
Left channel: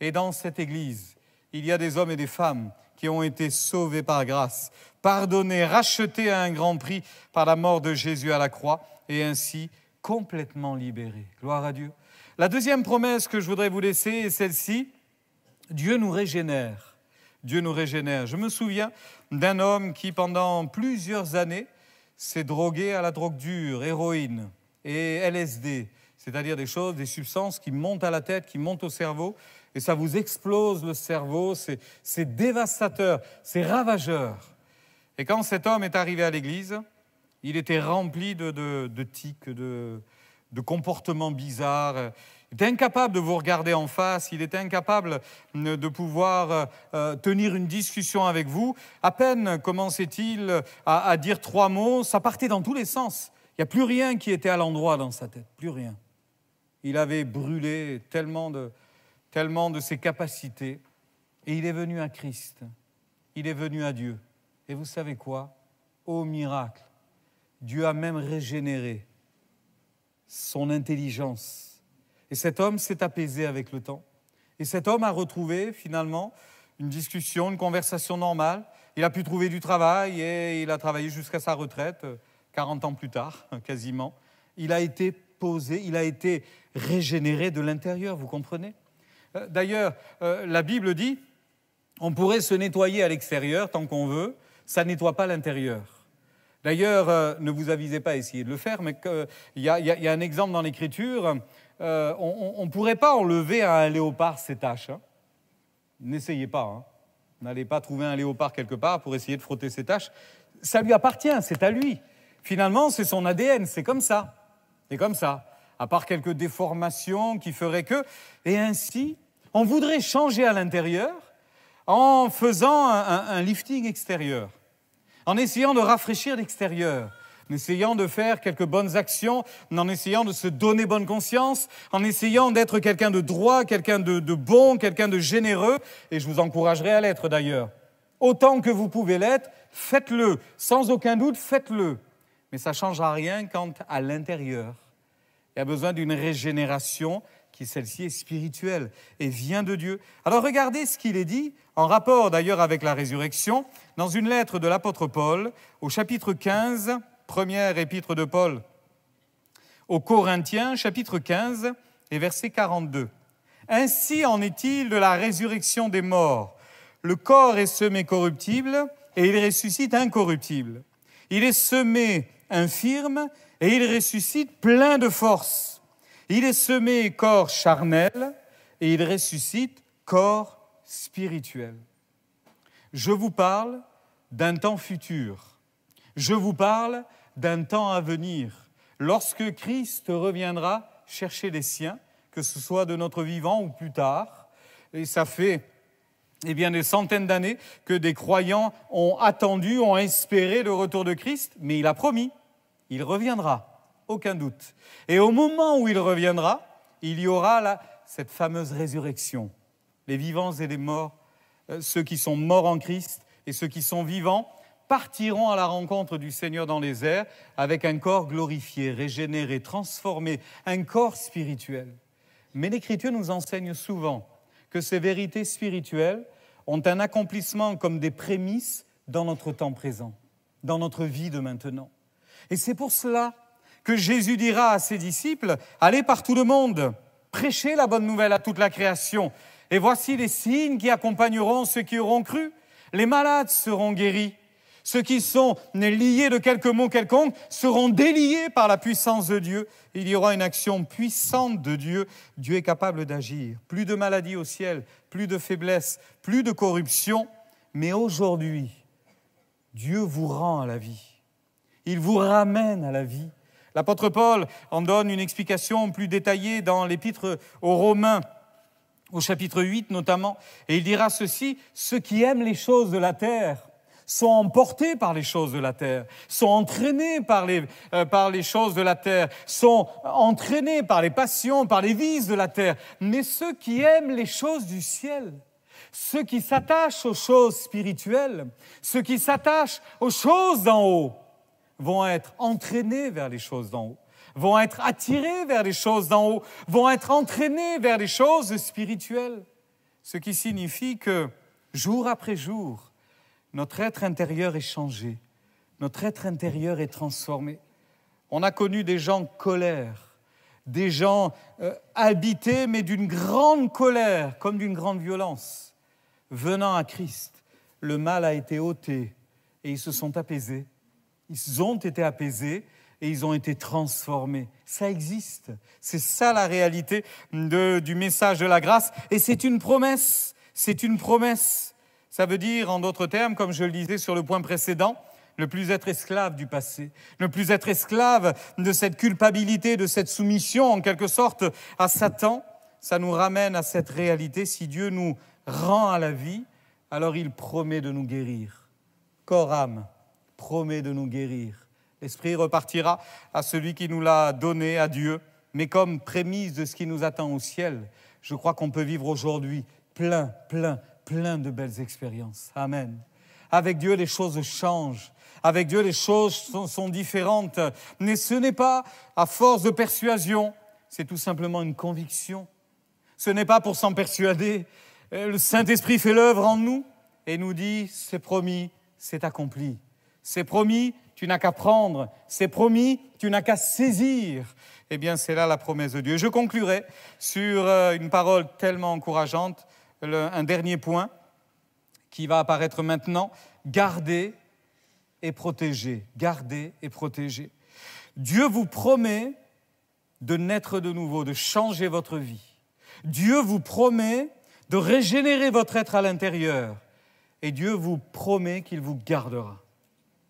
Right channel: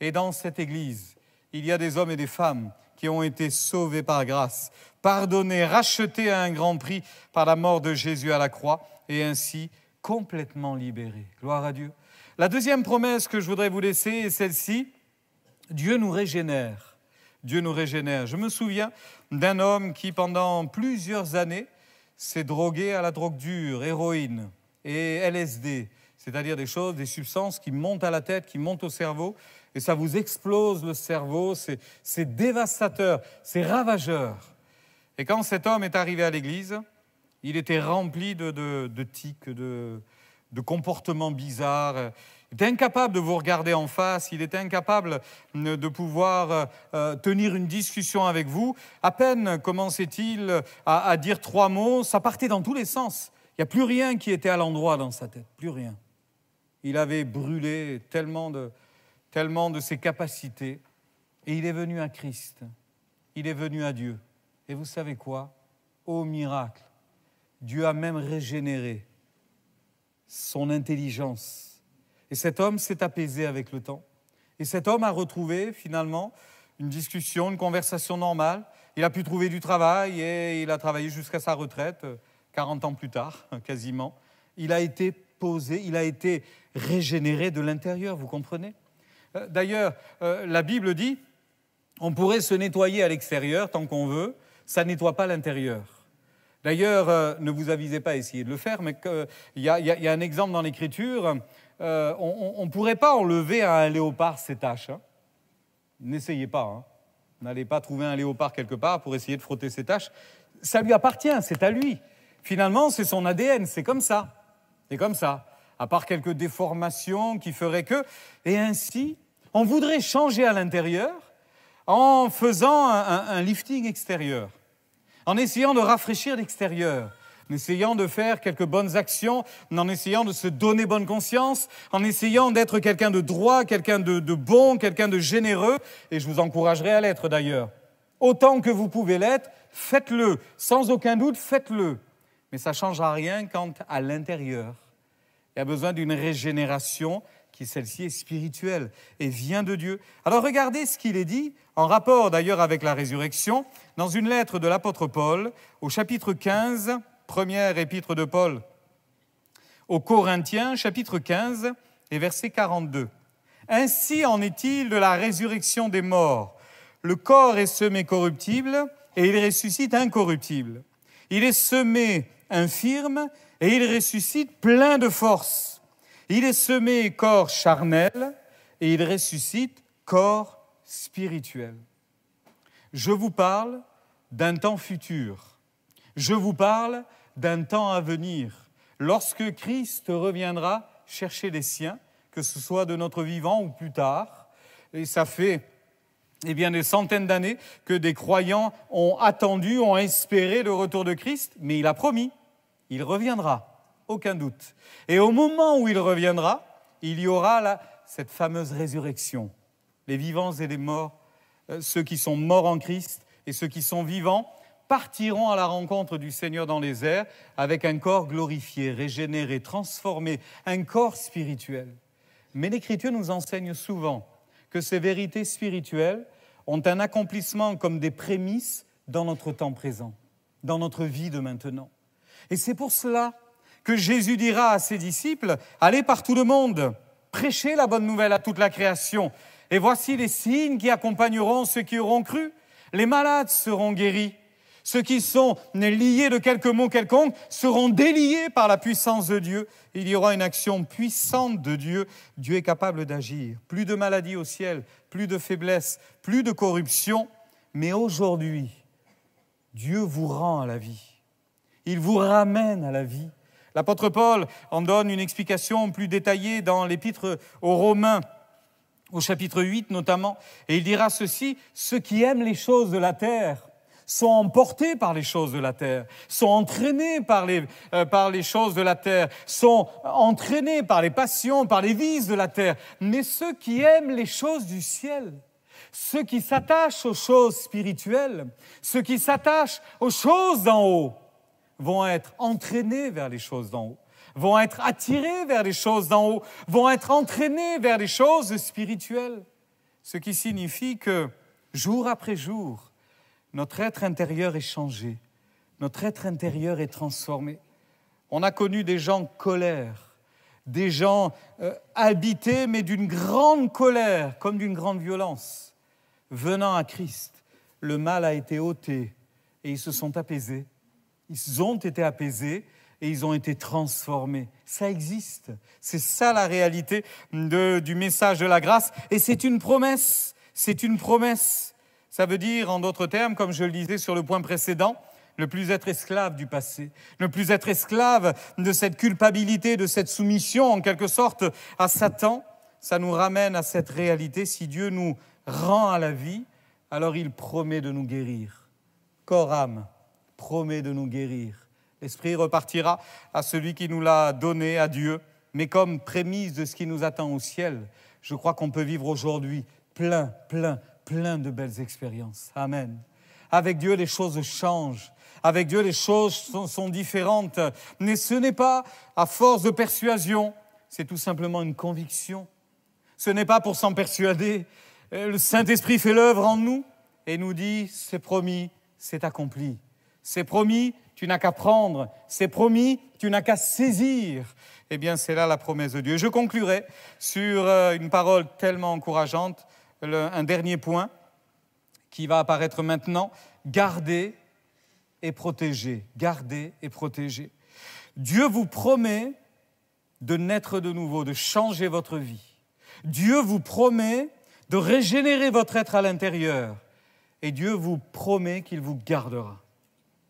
Et dans cette Église, il y a des hommes et des femmes qui ont été sauvés par grâce, pardonnés, rachetés à un grand prix par la mort de Jésus à la croix, et ainsi complètement libérés. Gloire à Dieu. La deuxième promesse que je voudrais vous laisser est celle-ci. Dieu nous régénère. Dieu nous régénère. Je me souviens d'un homme qui, pendant plusieurs années, s'est drogué à la drogue dure, héroïne et LSD, c'est-à-dire des substances qui montent à la tête, qui montent au cerveau, et ça vous explose le cerveau, c'est dévastateur, c'est ravageur. Et quand cet homme est arrivé à l'église, il était rempli de tics, de comportements bizarres. Il était incapable de vous regarder en face, il était incapable de pouvoir tenir une discussion avec vous. À peine commençait-il à dire 3 mots, ça partait dans tous les sens. Il n'y a plus rien qui était à l'endroit dans sa tête, plus rien. Il avait brûlé tellement de ses capacités. Et il est venu à Christ, il est venu à Dieu. Et vous savez quoi? Ô miracle, Dieu a même régénéré son intelligence. Et cet homme s'est apaisé avec le temps. Et cet homme a retrouvé finalement une discussion, une conversation normale. Il a pu trouver du travail et il a travaillé jusqu'à sa retraite, 40 ans plus tard, quasiment. Il a été posé, il a été régénéré de l'intérieur, vous comprenez? D'ailleurs, la Bible dit, on pourrait se nettoyer à l'extérieur tant qu'on veut, ça ne nettoie pas l'intérieur. D'ailleurs, ne vous avisez pas à essayer de le faire, mais il y a un exemple dans l'Écriture, on ne pourrait pas enlever à un léopard ses taches. Hein. N'essayez pas, hein. N'allez pas trouver un léopard quelque part pour essayer de frotter ses taches. Ça lui appartient, c'est à lui. Finalement, c'est son ADN, c'est comme ça. C'est comme ça. À part quelques déformations qui feraient que... Et ainsi, on voudrait changer à l'intérieur en faisant un lifting extérieur, en essayant de rafraîchir l'extérieur, en essayant de faire quelques bonnes actions, en essayant de se donner bonne conscience, en essayant d'être quelqu'un de droit, quelqu'un de bon, quelqu'un de généreux, et je vous encouragerai à l'être d'ailleurs. Autant que vous pouvez l'être, faites-le, sans aucun doute, faites-le. Mais ça ne changera rien quand à l'intérieur, il y a besoin d'une régénération qui, celle-ci, est spirituelle et vient de Dieu. Alors regardez ce qu'il est dit, en rapport d'ailleurs avec la résurrection, dans une lettre de l'apôtre Paul, au chapitre 15, première épître de Paul aux Corinthiens, chapitre 15 et verset 42. « Ainsi en est-il de la résurrection des morts. Le corps est semé corruptible et il ressuscite incorruptible. Il est semé infirme et il ressuscite plein de force. Il est semé corps charnel et il ressuscite corps spirituel. » Je vous parle d'un temps futur. Je vous parle d'un temps à venir. Lorsque Christ reviendra chercher les siens, que ce soit de notre vivant ou plus tard, et ça fait des centaines d'années que des croyants ont attendu, ont espéré le retour de Christ, mais il a promis, il reviendra, aucun doute. Et au moment où il reviendra, il y aura cette fameuse résurrection. Les vivants et les morts, ceux qui sont morts en Christ et ceux qui sont vivants, partiront à la rencontre du Seigneur dans les airs avec un corps glorifié, régénéré, transformé, un corps spirituel. Mais l'Écriture nous enseigne souvent que ces vérités spirituelles ont un accomplissement comme des prémices dans notre temps présent. dans notre vie de maintenant. Et c'est pour cela que Jésus dira à ses disciples, « Allez par tout le monde, prêchez la bonne nouvelle à toute la création. Et voici les signes qui accompagneront ceux qui auront cru. Les malades seront guéris. Ceux qui sont liés de quelques mots quelconques seront déliés par la puissance de Dieu. Il y aura une action puissante de Dieu. Dieu est capable d'agir. Plus de maladies au ciel, plus de faiblesse, plus de corruption. Mais aujourd'hui, Dieu vous rend à la vie. Il vous ramène à la vie. L'apôtre Paul en donne une explication plus détaillée dans l'épître aux Romains, au chapitre 8 notamment. Et il dira ceci, « Ceux qui aiment les choses de la terre sont emportés par les choses de la terre, sont entraînés par les choses de la terre, sont entraînés par les passions, par les vices de la terre. Mais ceux qui aiment les choses du ciel, ceux qui s'attachent aux choses spirituelles, ceux qui s'attachent aux choses d'en haut, vont être entraînés vers les choses d'en haut, vont être attirés vers les choses d'en haut, vont être entraînés vers les choses spirituelles. Ce qui signifie que, jour après jour, notre être intérieur est changé, notre être intérieur est transformé. On a connu des gens colères, des gens habités, mais d'une grande colère, comme d'une grande violence. Venant à Christ, le mal a été ôté et ils se sont apaisés. Ils ont été apaisés et ils ont été transformés. Ça existe. C'est ça la réalité du message de la grâce. Et c'est une promesse. C'est une promesse. Ça veut dire, en d'autres termes, comme je le disais sur le point précédent, ne plus être esclave du passé, ne plus être esclave de cette culpabilité, de cette soumission, en quelque sorte, à Satan. Ça nous ramène à cette réalité. Si Dieu nous rend à la vie, alors il promet de nous guérir. Corps, âme, promet de nous guérir. L'Esprit repartira à celui qui nous l'a donné, à Dieu. Mais comme prémisse de ce qui nous attend au ciel, je crois qu'on peut vivre aujourd'hui plein de belles expériences. Amen. Avec Dieu, les choses changent. Avec Dieu, les choses sont différentes. Mais ce n'est pas à force de persuasion, c'est tout simplement une conviction. Ce n'est pas pour s'en persuader. Le Saint-Esprit fait l'œuvre en nous et nous dit, c'est promis, c'est accompli. C'est promis, tu n'as qu'à prendre. C'est promis, tu n'as qu'à saisir. Eh bien, c'est là la promesse de Dieu. Je conclurai sur une parole tellement encourageante, un dernier point qui va apparaître maintenant. Gardez et protégez. Gardez et protégez. Dieu vous promet de naître de nouveau, de changer votre vie. Dieu vous promet de régénérer votre être à l'intérieur. Et Dieu vous promet qu'il vous gardera,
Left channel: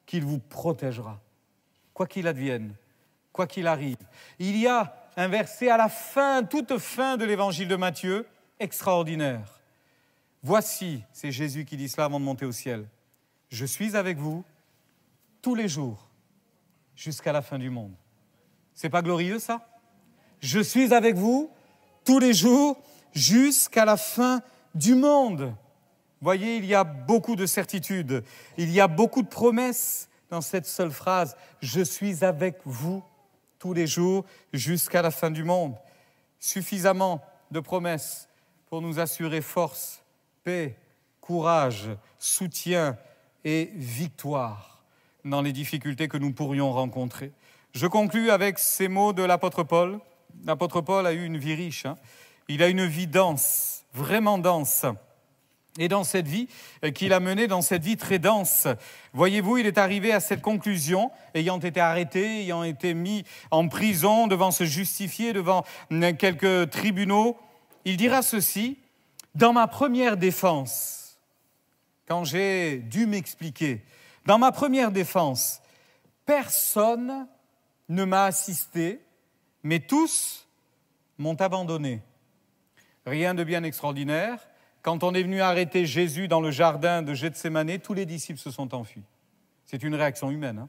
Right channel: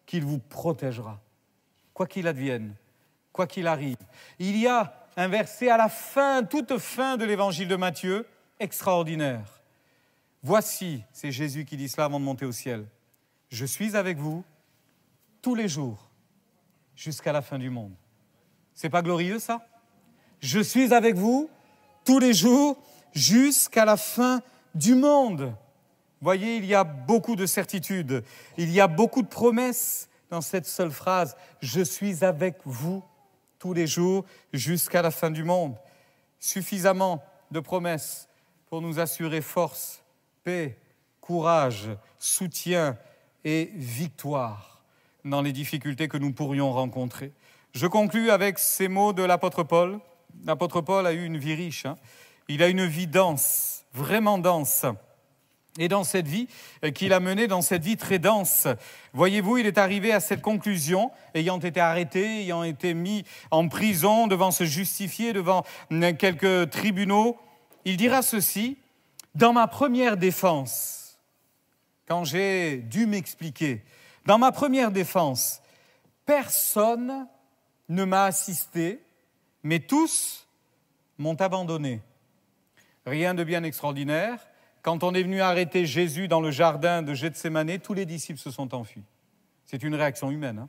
qu'il vous protégera, quoi qu'il advienne, quoi qu'il arrive. Il y a un verset à la fin, toute fin de l'évangile de Matthieu, extraordinaire. Voici, c'est Jésus qui dit cela avant de monter au ciel, je suis avec vous tous les jours jusqu'à la fin du monde. C'est pas glorieux ça? Je suis avec vous tous les jours jusqu'à la fin du monde. Voyez, il y a beaucoup de certitudes, il y a beaucoup de promesses dans cette seule phrase. Je suis avec vous tous les jours jusqu'à la fin du monde. Suffisamment de promesses pour nous assurer force, paix, courage, soutien et victoire dans les difficultés que nous pourrions rencontrer. Je conclus avec ces mots de l'apôtre Paul. L'apôtre Paul a eu une vie riche. Il a une vie dense, vraiment dense. Et dans cette vie qu'il a menée, dans cette vie très dense, voyez-vous, il est arrivé à cette conclusion, ayant été arrêté, ayant été mis en prison, devant se justifier devant quelques tribunaux. Il dira ceci, « Dans ma première défense, quand j'ai dû m'expliquer, dans ma première défense, personne ne m'a assisté, mais tous m'ont abandonné. » Rien de bien extraordinaire. Quand on est venu arrêter Jésus dans le jardin de Gethsémanée, tous les disciples se sont enfuis. C'est une réaction humaine.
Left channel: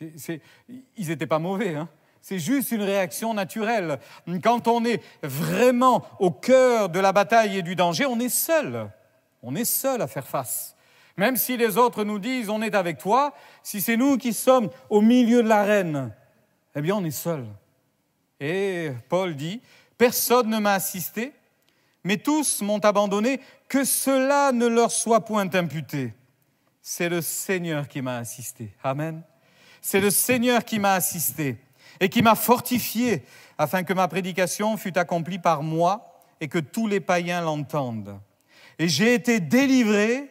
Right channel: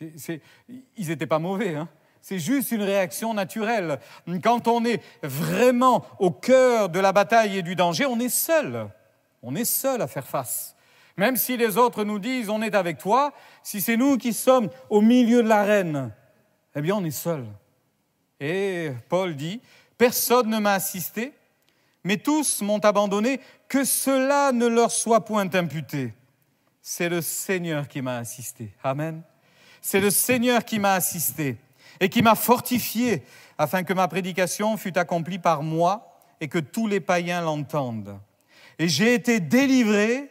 Ils n'étaient pas mauvais. C'est juste une réaction naturelle. Quand on est vraiment au cœur de la bataille et du danger, on est seul. On est seul à faire face. Même si les autres nous disent « on est avec toi », si c'est nous qui sommes au milieu de l'arène, eh bien on est seul. Et Paul dit « Personne ne m'a assisté, mais tous m'ont abandonné, que cela ne leur soit point imputé. c'est le Seigneur qui m'a assisté. Amen. C'est le Seigneur qui m'a assisté et qui m'a fortifié afin que ma prédication fût accomplie par moi et que tous les païens l'entendent. Et j'ai été délivré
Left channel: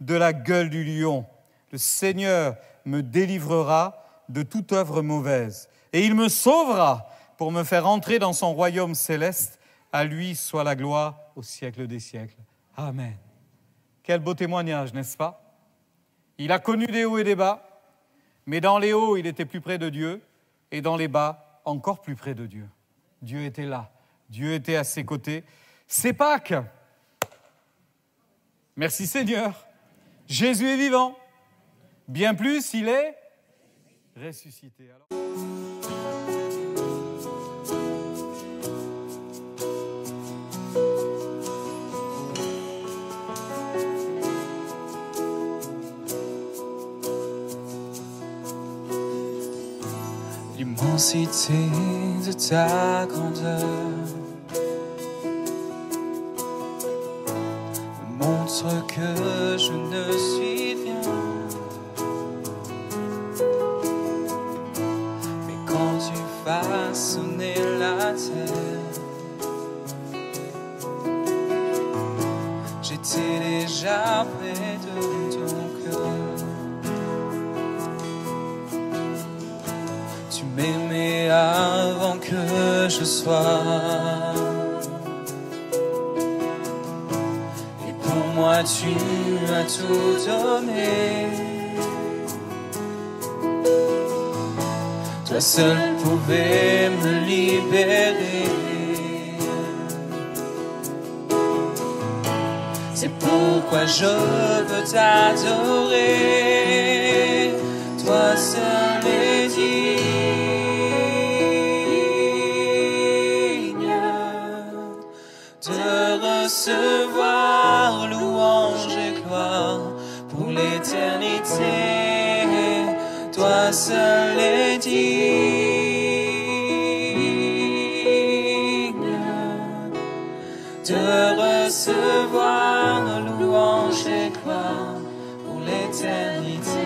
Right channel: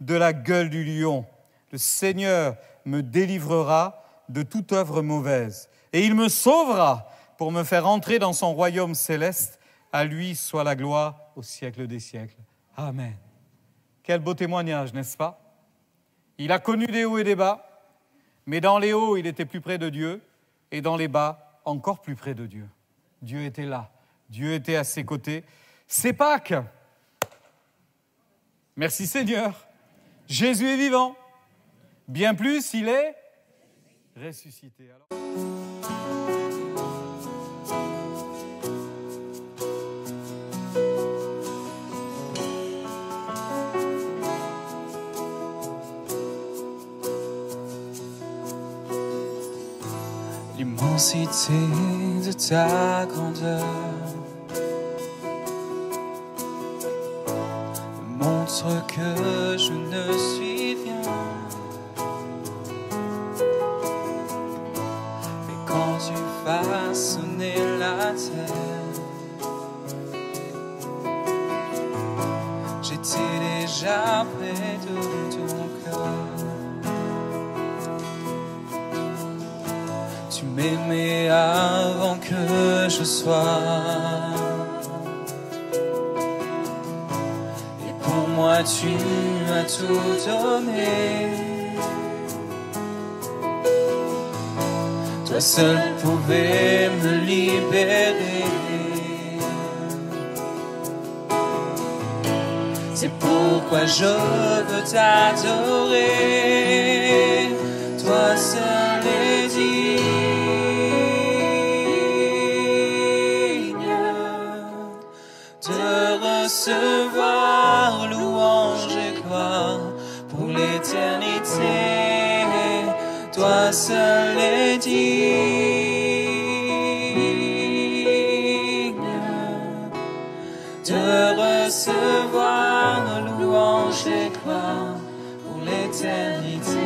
de la gueule du lion. Le Seigneur me délivrera de toute œuvre mauvaise. Et il me sauvera pour me faire entrer dans son royaume céleste. À lui soit la gloire au siècle des siècles. Amen. Quel beau témoignage, n'est-ce pas? Il a connu des hauts et des bas, mais dans les hauts, il était plus près de Dieu, et dans les bas, encore plus près de Dieu. Dieu était là, Dieu était à ses côtés. C'est Pâques. Merci Seigneur. Jésus est vivant. Bien plus, il est ressuscité. L'immensité de ta grandeur montre que je ne suis rien. Et quand tu façonnais la terre, j'étais déjà près de ton cœur. Tu m'aimais avant que je sois. Et pour moi tu m'as tout donné. Toi seul pouvais me libérer. C'est pourquoi je veux t'adorer. Toi seul est digne de recevoir louange et gloire pour l'éternité. Toi seul est digne de recevoir louange et gloire pour l'éternité.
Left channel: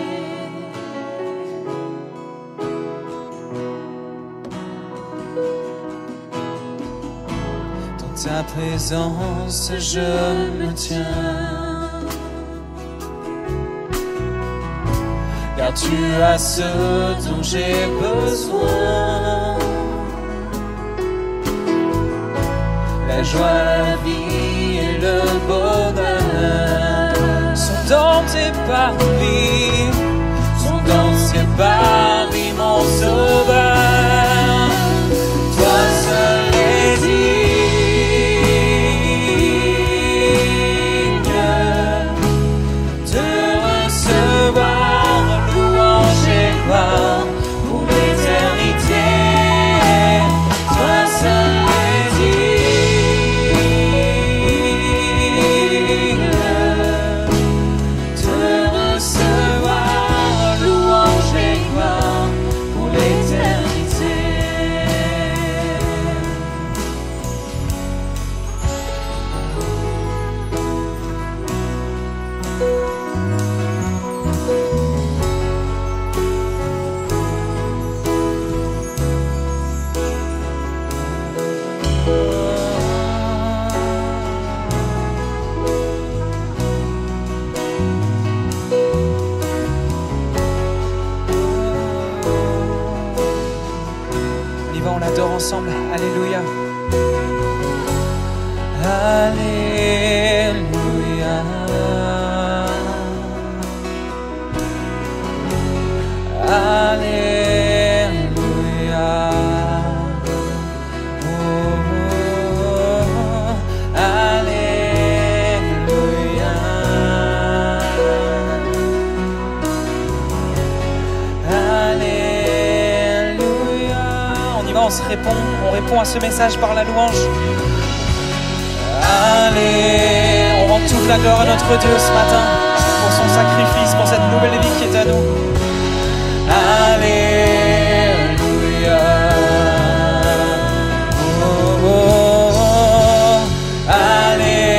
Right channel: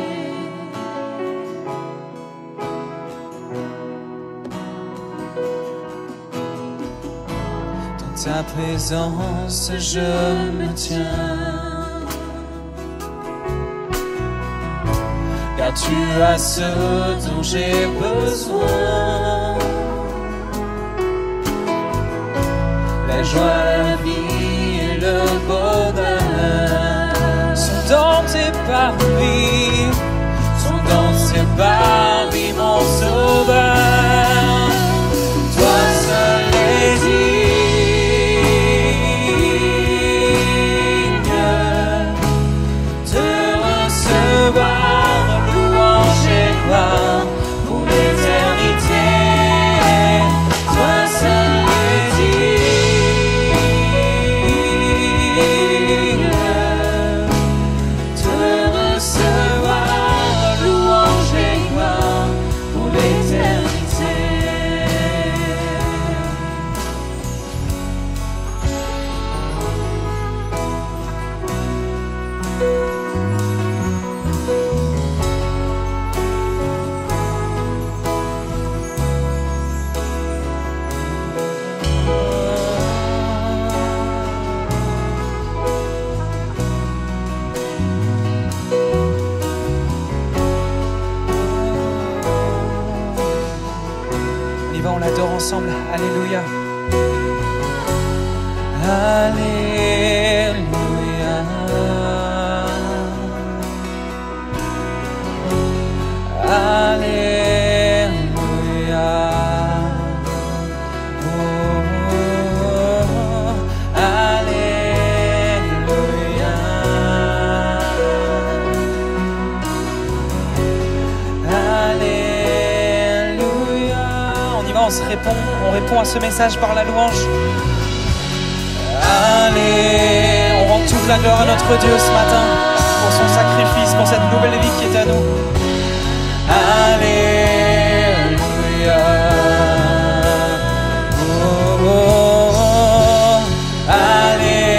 Dans ta présence je me tiens, car tu as ce dont j'ai besoin. La joie, la vie et le bonheur sont dans tes paris, sont dans tes paris, mon sauveur. Toi seul est digne de recevoir louange et gloire pour l'éternité. Toi seul est digne de recevoir louange et gloire pour l'éternité. Vivons le temps ensemble. Alléluia. On répond à ce message par la louange. Allez, on rend toute la gloire à notre Dieu ce matin pour son sacrifice, pour cette nouvelle vie qui est à nous. Alléluia. Alléluia.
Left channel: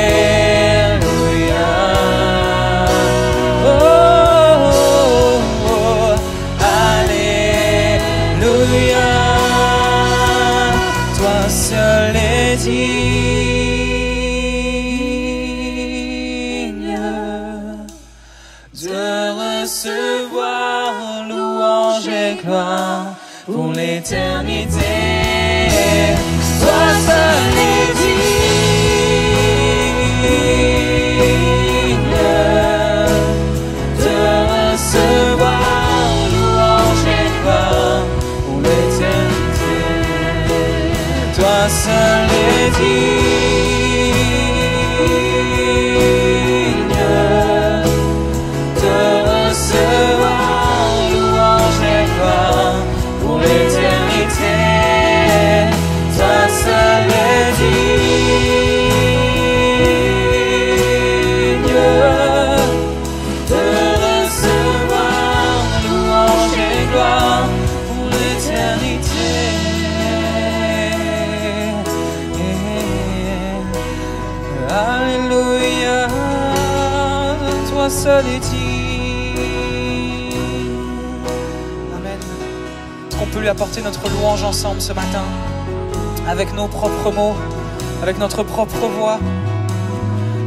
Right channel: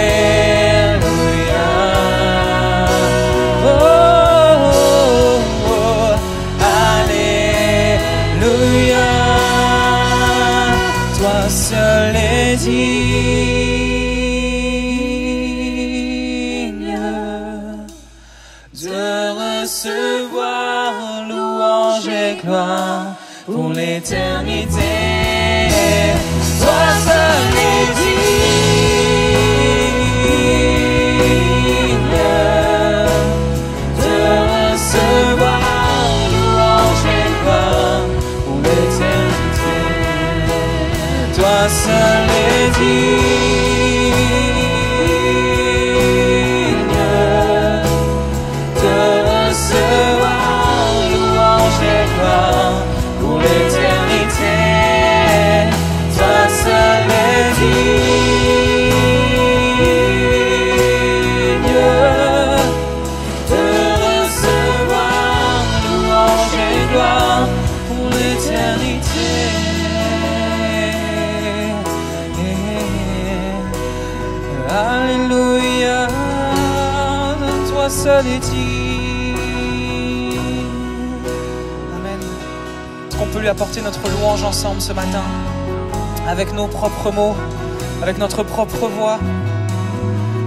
voix,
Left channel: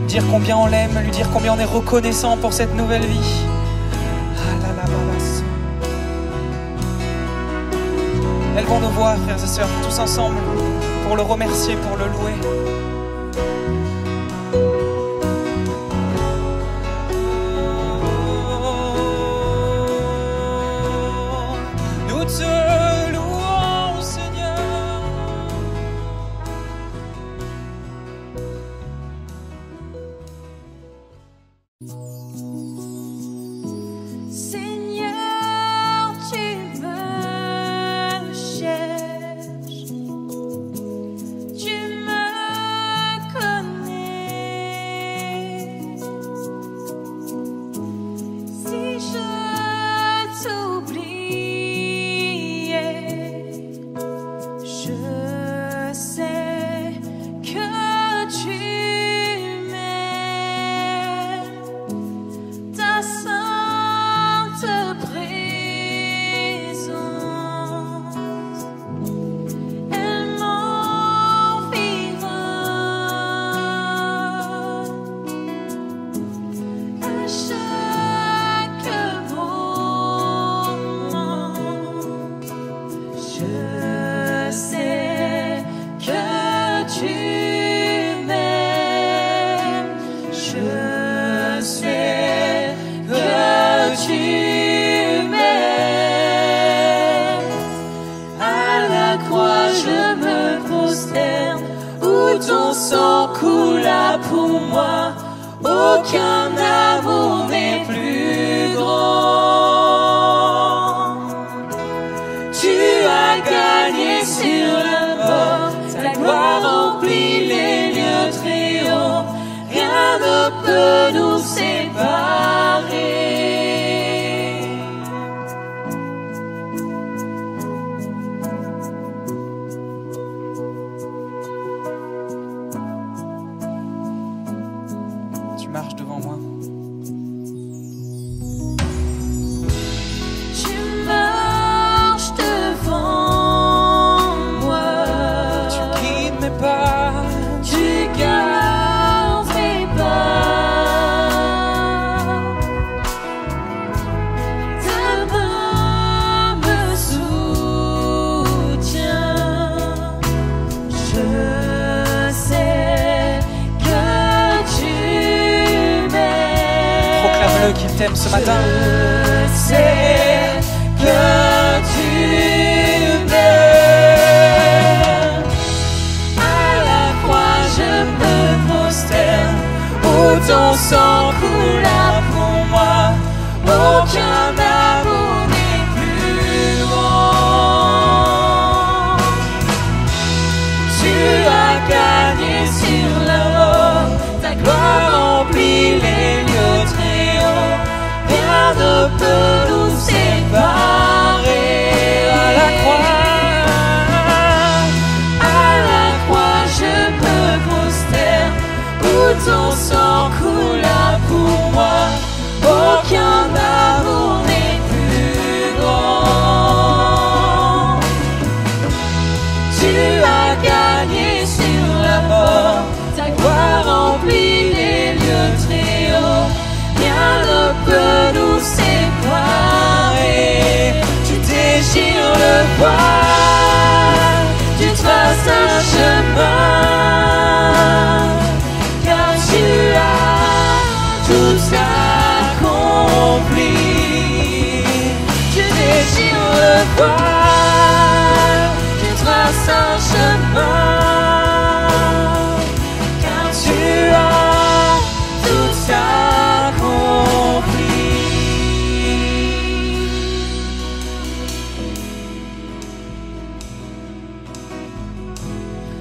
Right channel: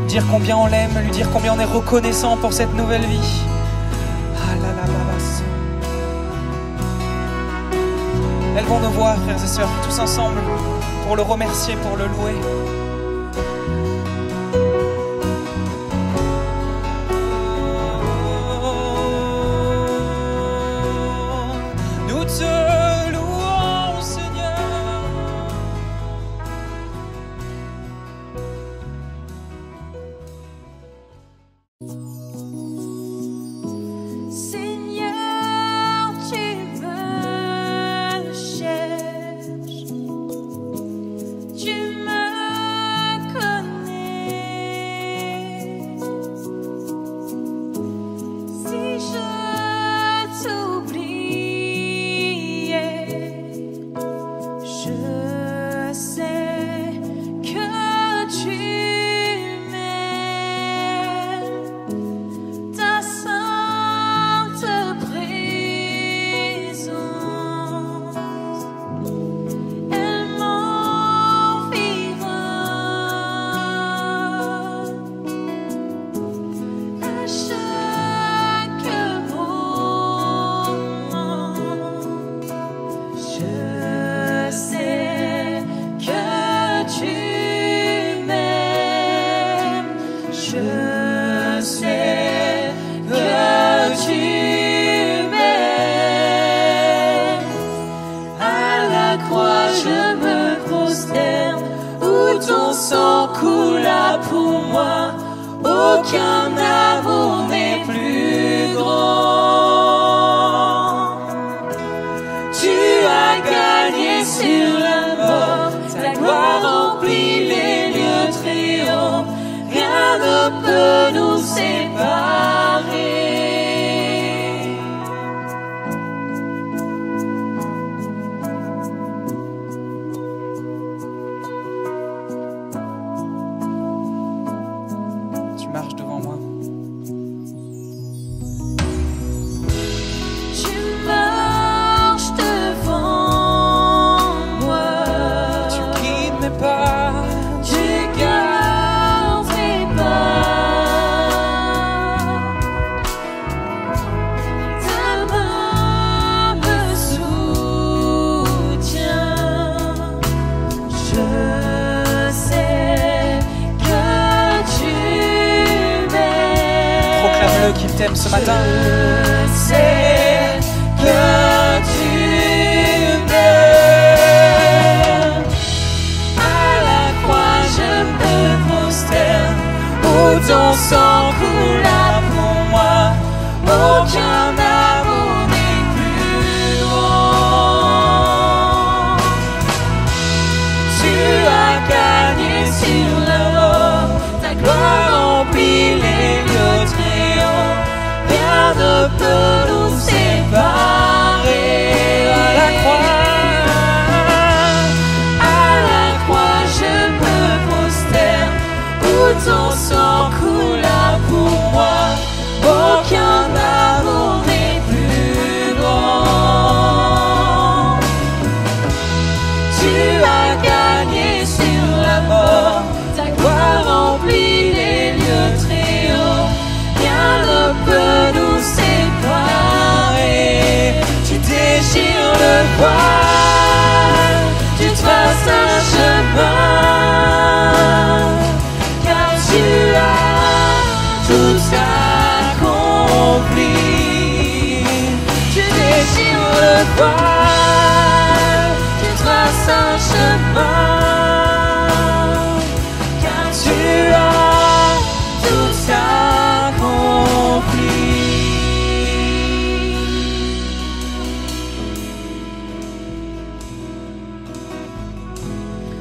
dire combien on l'aime, lui dire combien on est reconnaissant pour cette nouvelle vie. Lèvons nos voix, frères et sœurs, tous ensemble, pour le remercier, pour le louer. Nous te louons, Seigneur. Seigneur, tu me cherches, tu me connais. Si je t'oubliais, je sais que tu m'aimes. Ta sainte présence, elle m'environne. À chaque moment, je sais que tu m'aimes. Je sais que tu m'aimes. À la croix je me prosterne, où ton sang coula pour moi. Aucun amour n'est plus grand. Tu as gagné sur la mort, ta gloire remplit les lieux très hauts. Rien ne peut nous séparer. Tu marches devant moi. Tu marches devant moi. Tu guides mes pas. Tu gardes mes pas. Ta main me soutient. Je sais que tu m'aimes. Proclame-le qu'il t'aime ce matin. Je sais que tu m'aimes. À la croix je me prosterne, où ton sang coula pour moi. Aucun amour n'est plus grand. Tu as gardé sur la mort, ta gloire remplit les lieux très hauts. Rien ne peut nous séparer. À la croix je me prosterne, où ton sang coula pour moi. Aucun amour n'est plus grand. Tu as gagné sur la mort, ta gloire remplit les lieux très hauts. Rien ne peut nous séparer. Tu déchires le voile, tu traces un chemin, car tu as tout accompli. Tu déchires le voile, tu traces un chemin, car tu as tout accompli.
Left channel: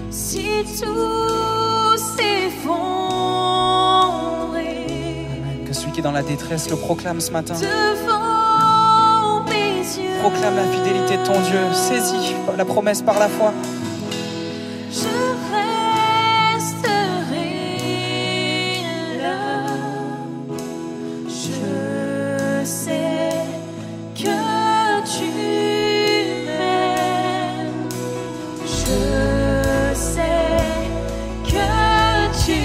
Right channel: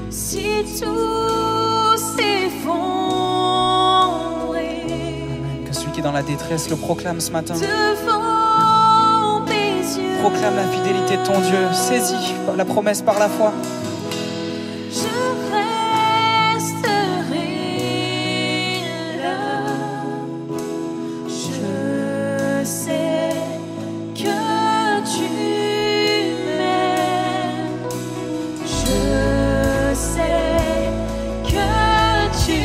Si tout s'effondrait Que celui qui est dans la détresse le proclame ce matin. devant mes yeux, Proclame la fidélité de ton Dieu. Saisis la promesse par la foi. je resterai là. Je sais que tu m'aimes. Je sais que tu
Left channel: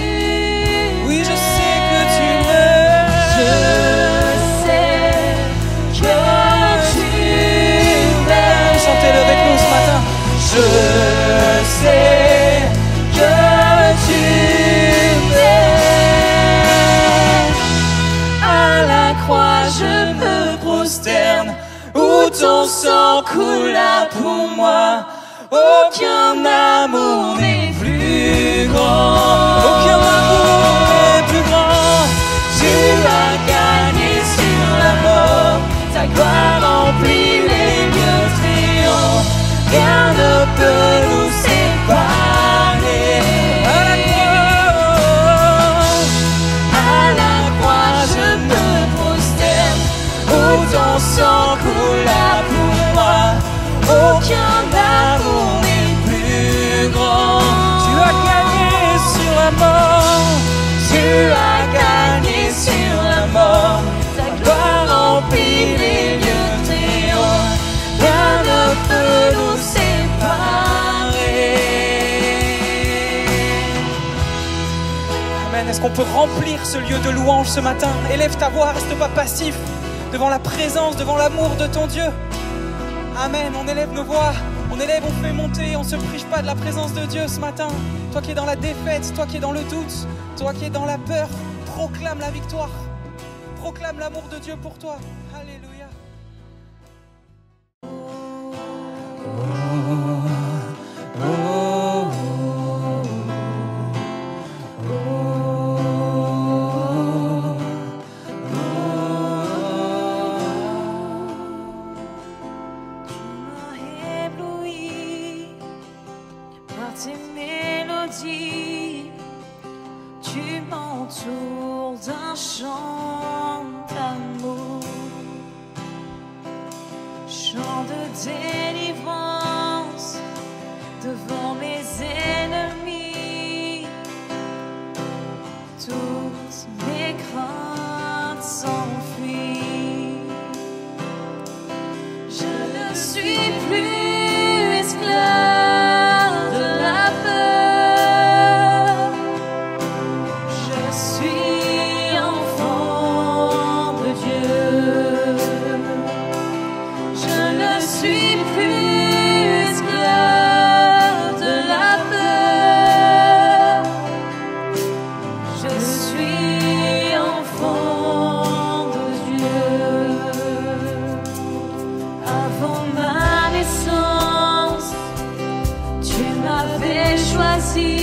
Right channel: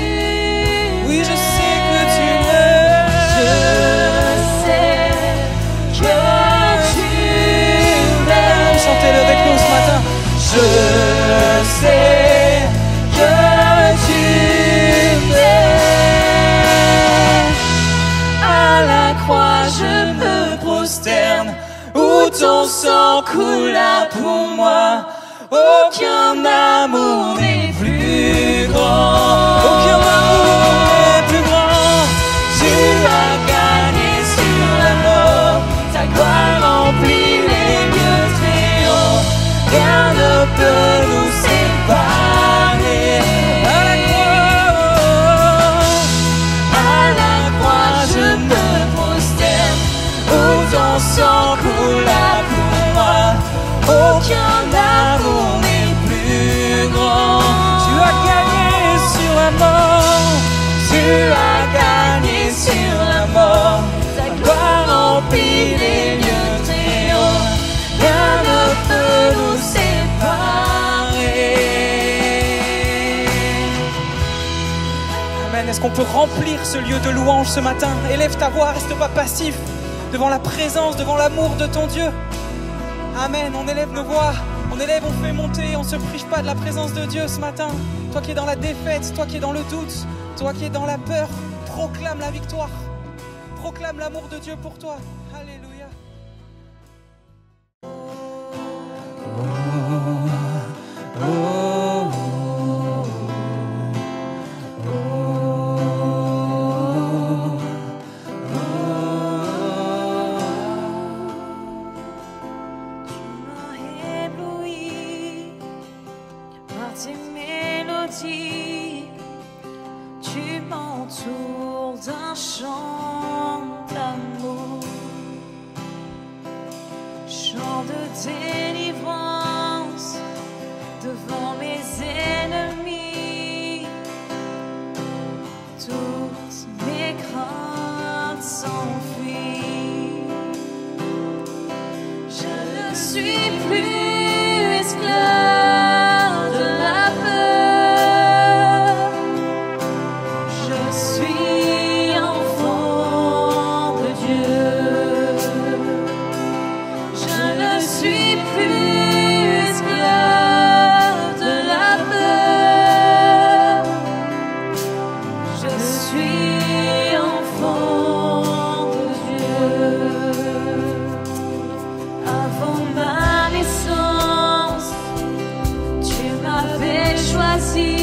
choisi, tu m'entoures d'un chant d'amour, chant de délivrance devant mes ennemis. Toutes mes craintes s'enfuient. Je ne suis plus esclave de la peur. Je suis enfant de Dieu. Je ne suis plus esclave de la peur. Je suis enfant de Dieu. Avant ma naissance, tu m'avais choisi,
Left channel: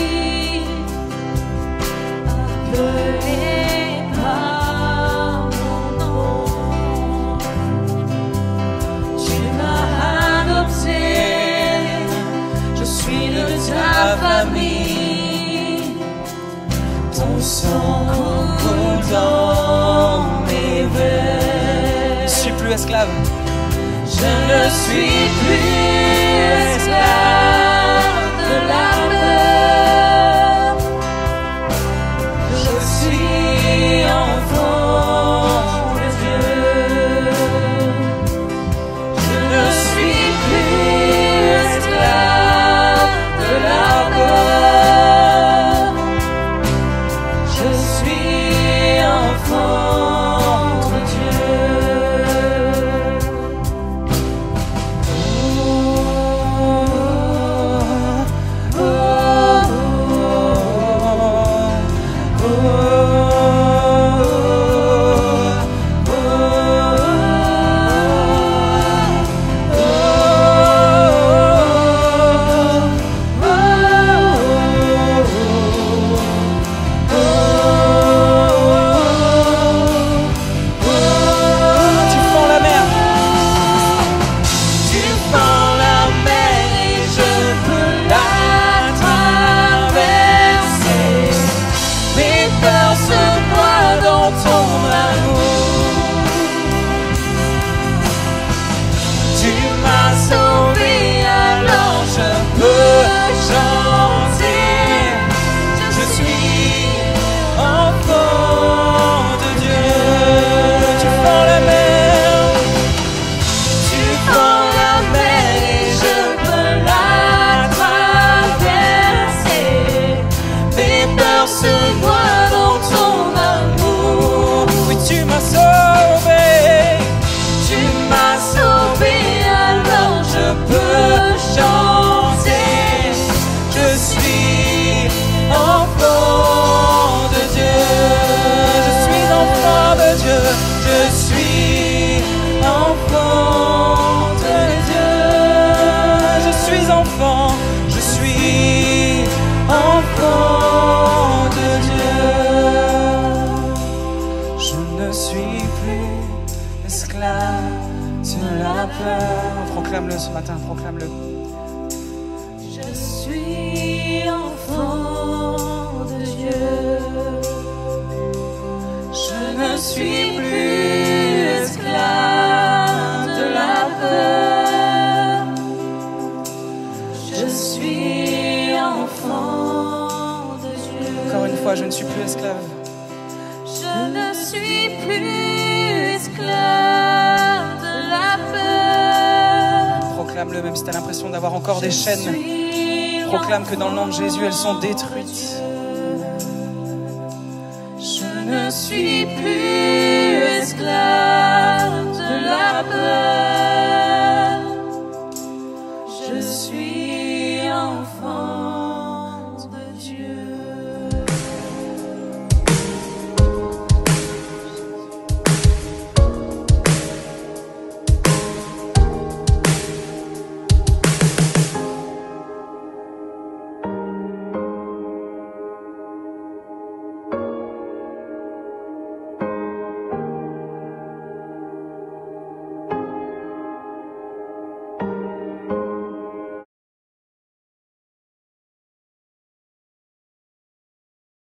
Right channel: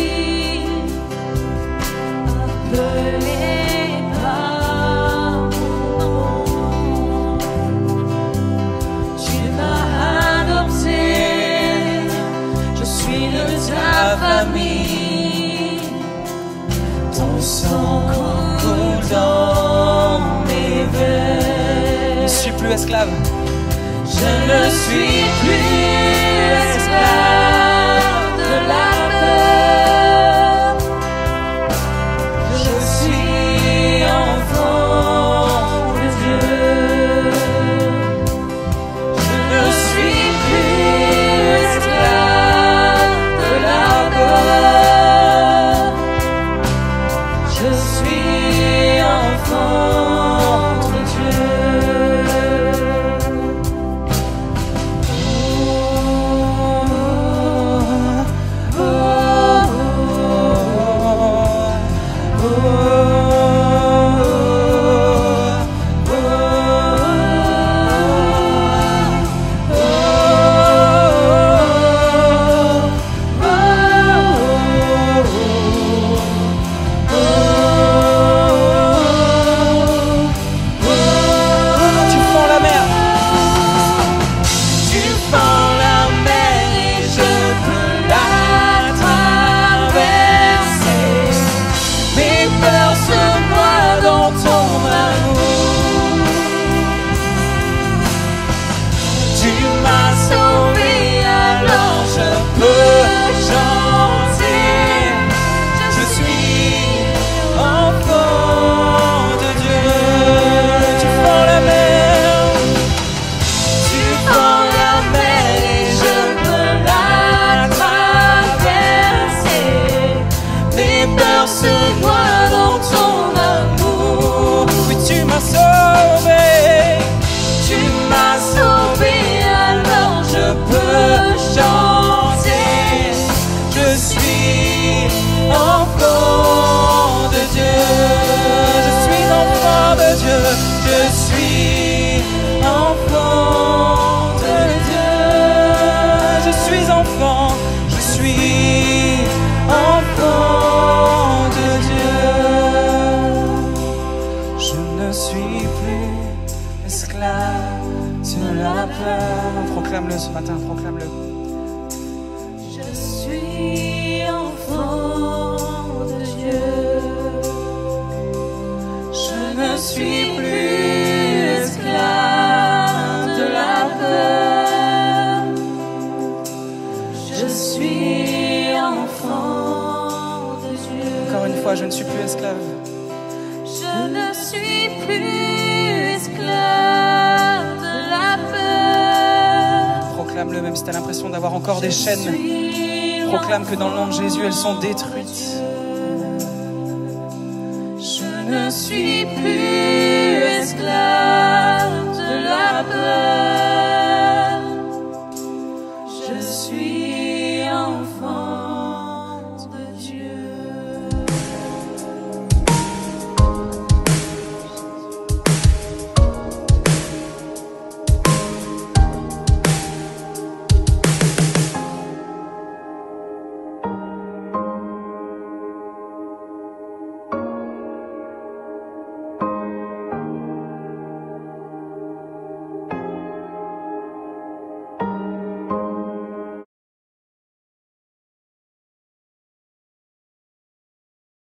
appelé par mon nom. Tu m'as adopté, je suis de ta famille. Ton sang coule dans mes veines. Je suis plus esclave. Je ne suis plus esclave de la peur. Je suis enfant de Dieu. Je ne suis plus esclave de la peur. Je suis enfant de Proclame-le ce matin, proclame-le. Je suis enfant de Dieu. Je ne suis plus esclave de la peur. Je suis enfant de Dieu. Encore une fois, je ne suis plus esclave. Je ne suis plus esclave de la peur. Proclame-le même si tu as l'impression d'avoir encore des chaînes. Proclame que dans le nom de Jésus, elles sont détruites. Je ne suis plus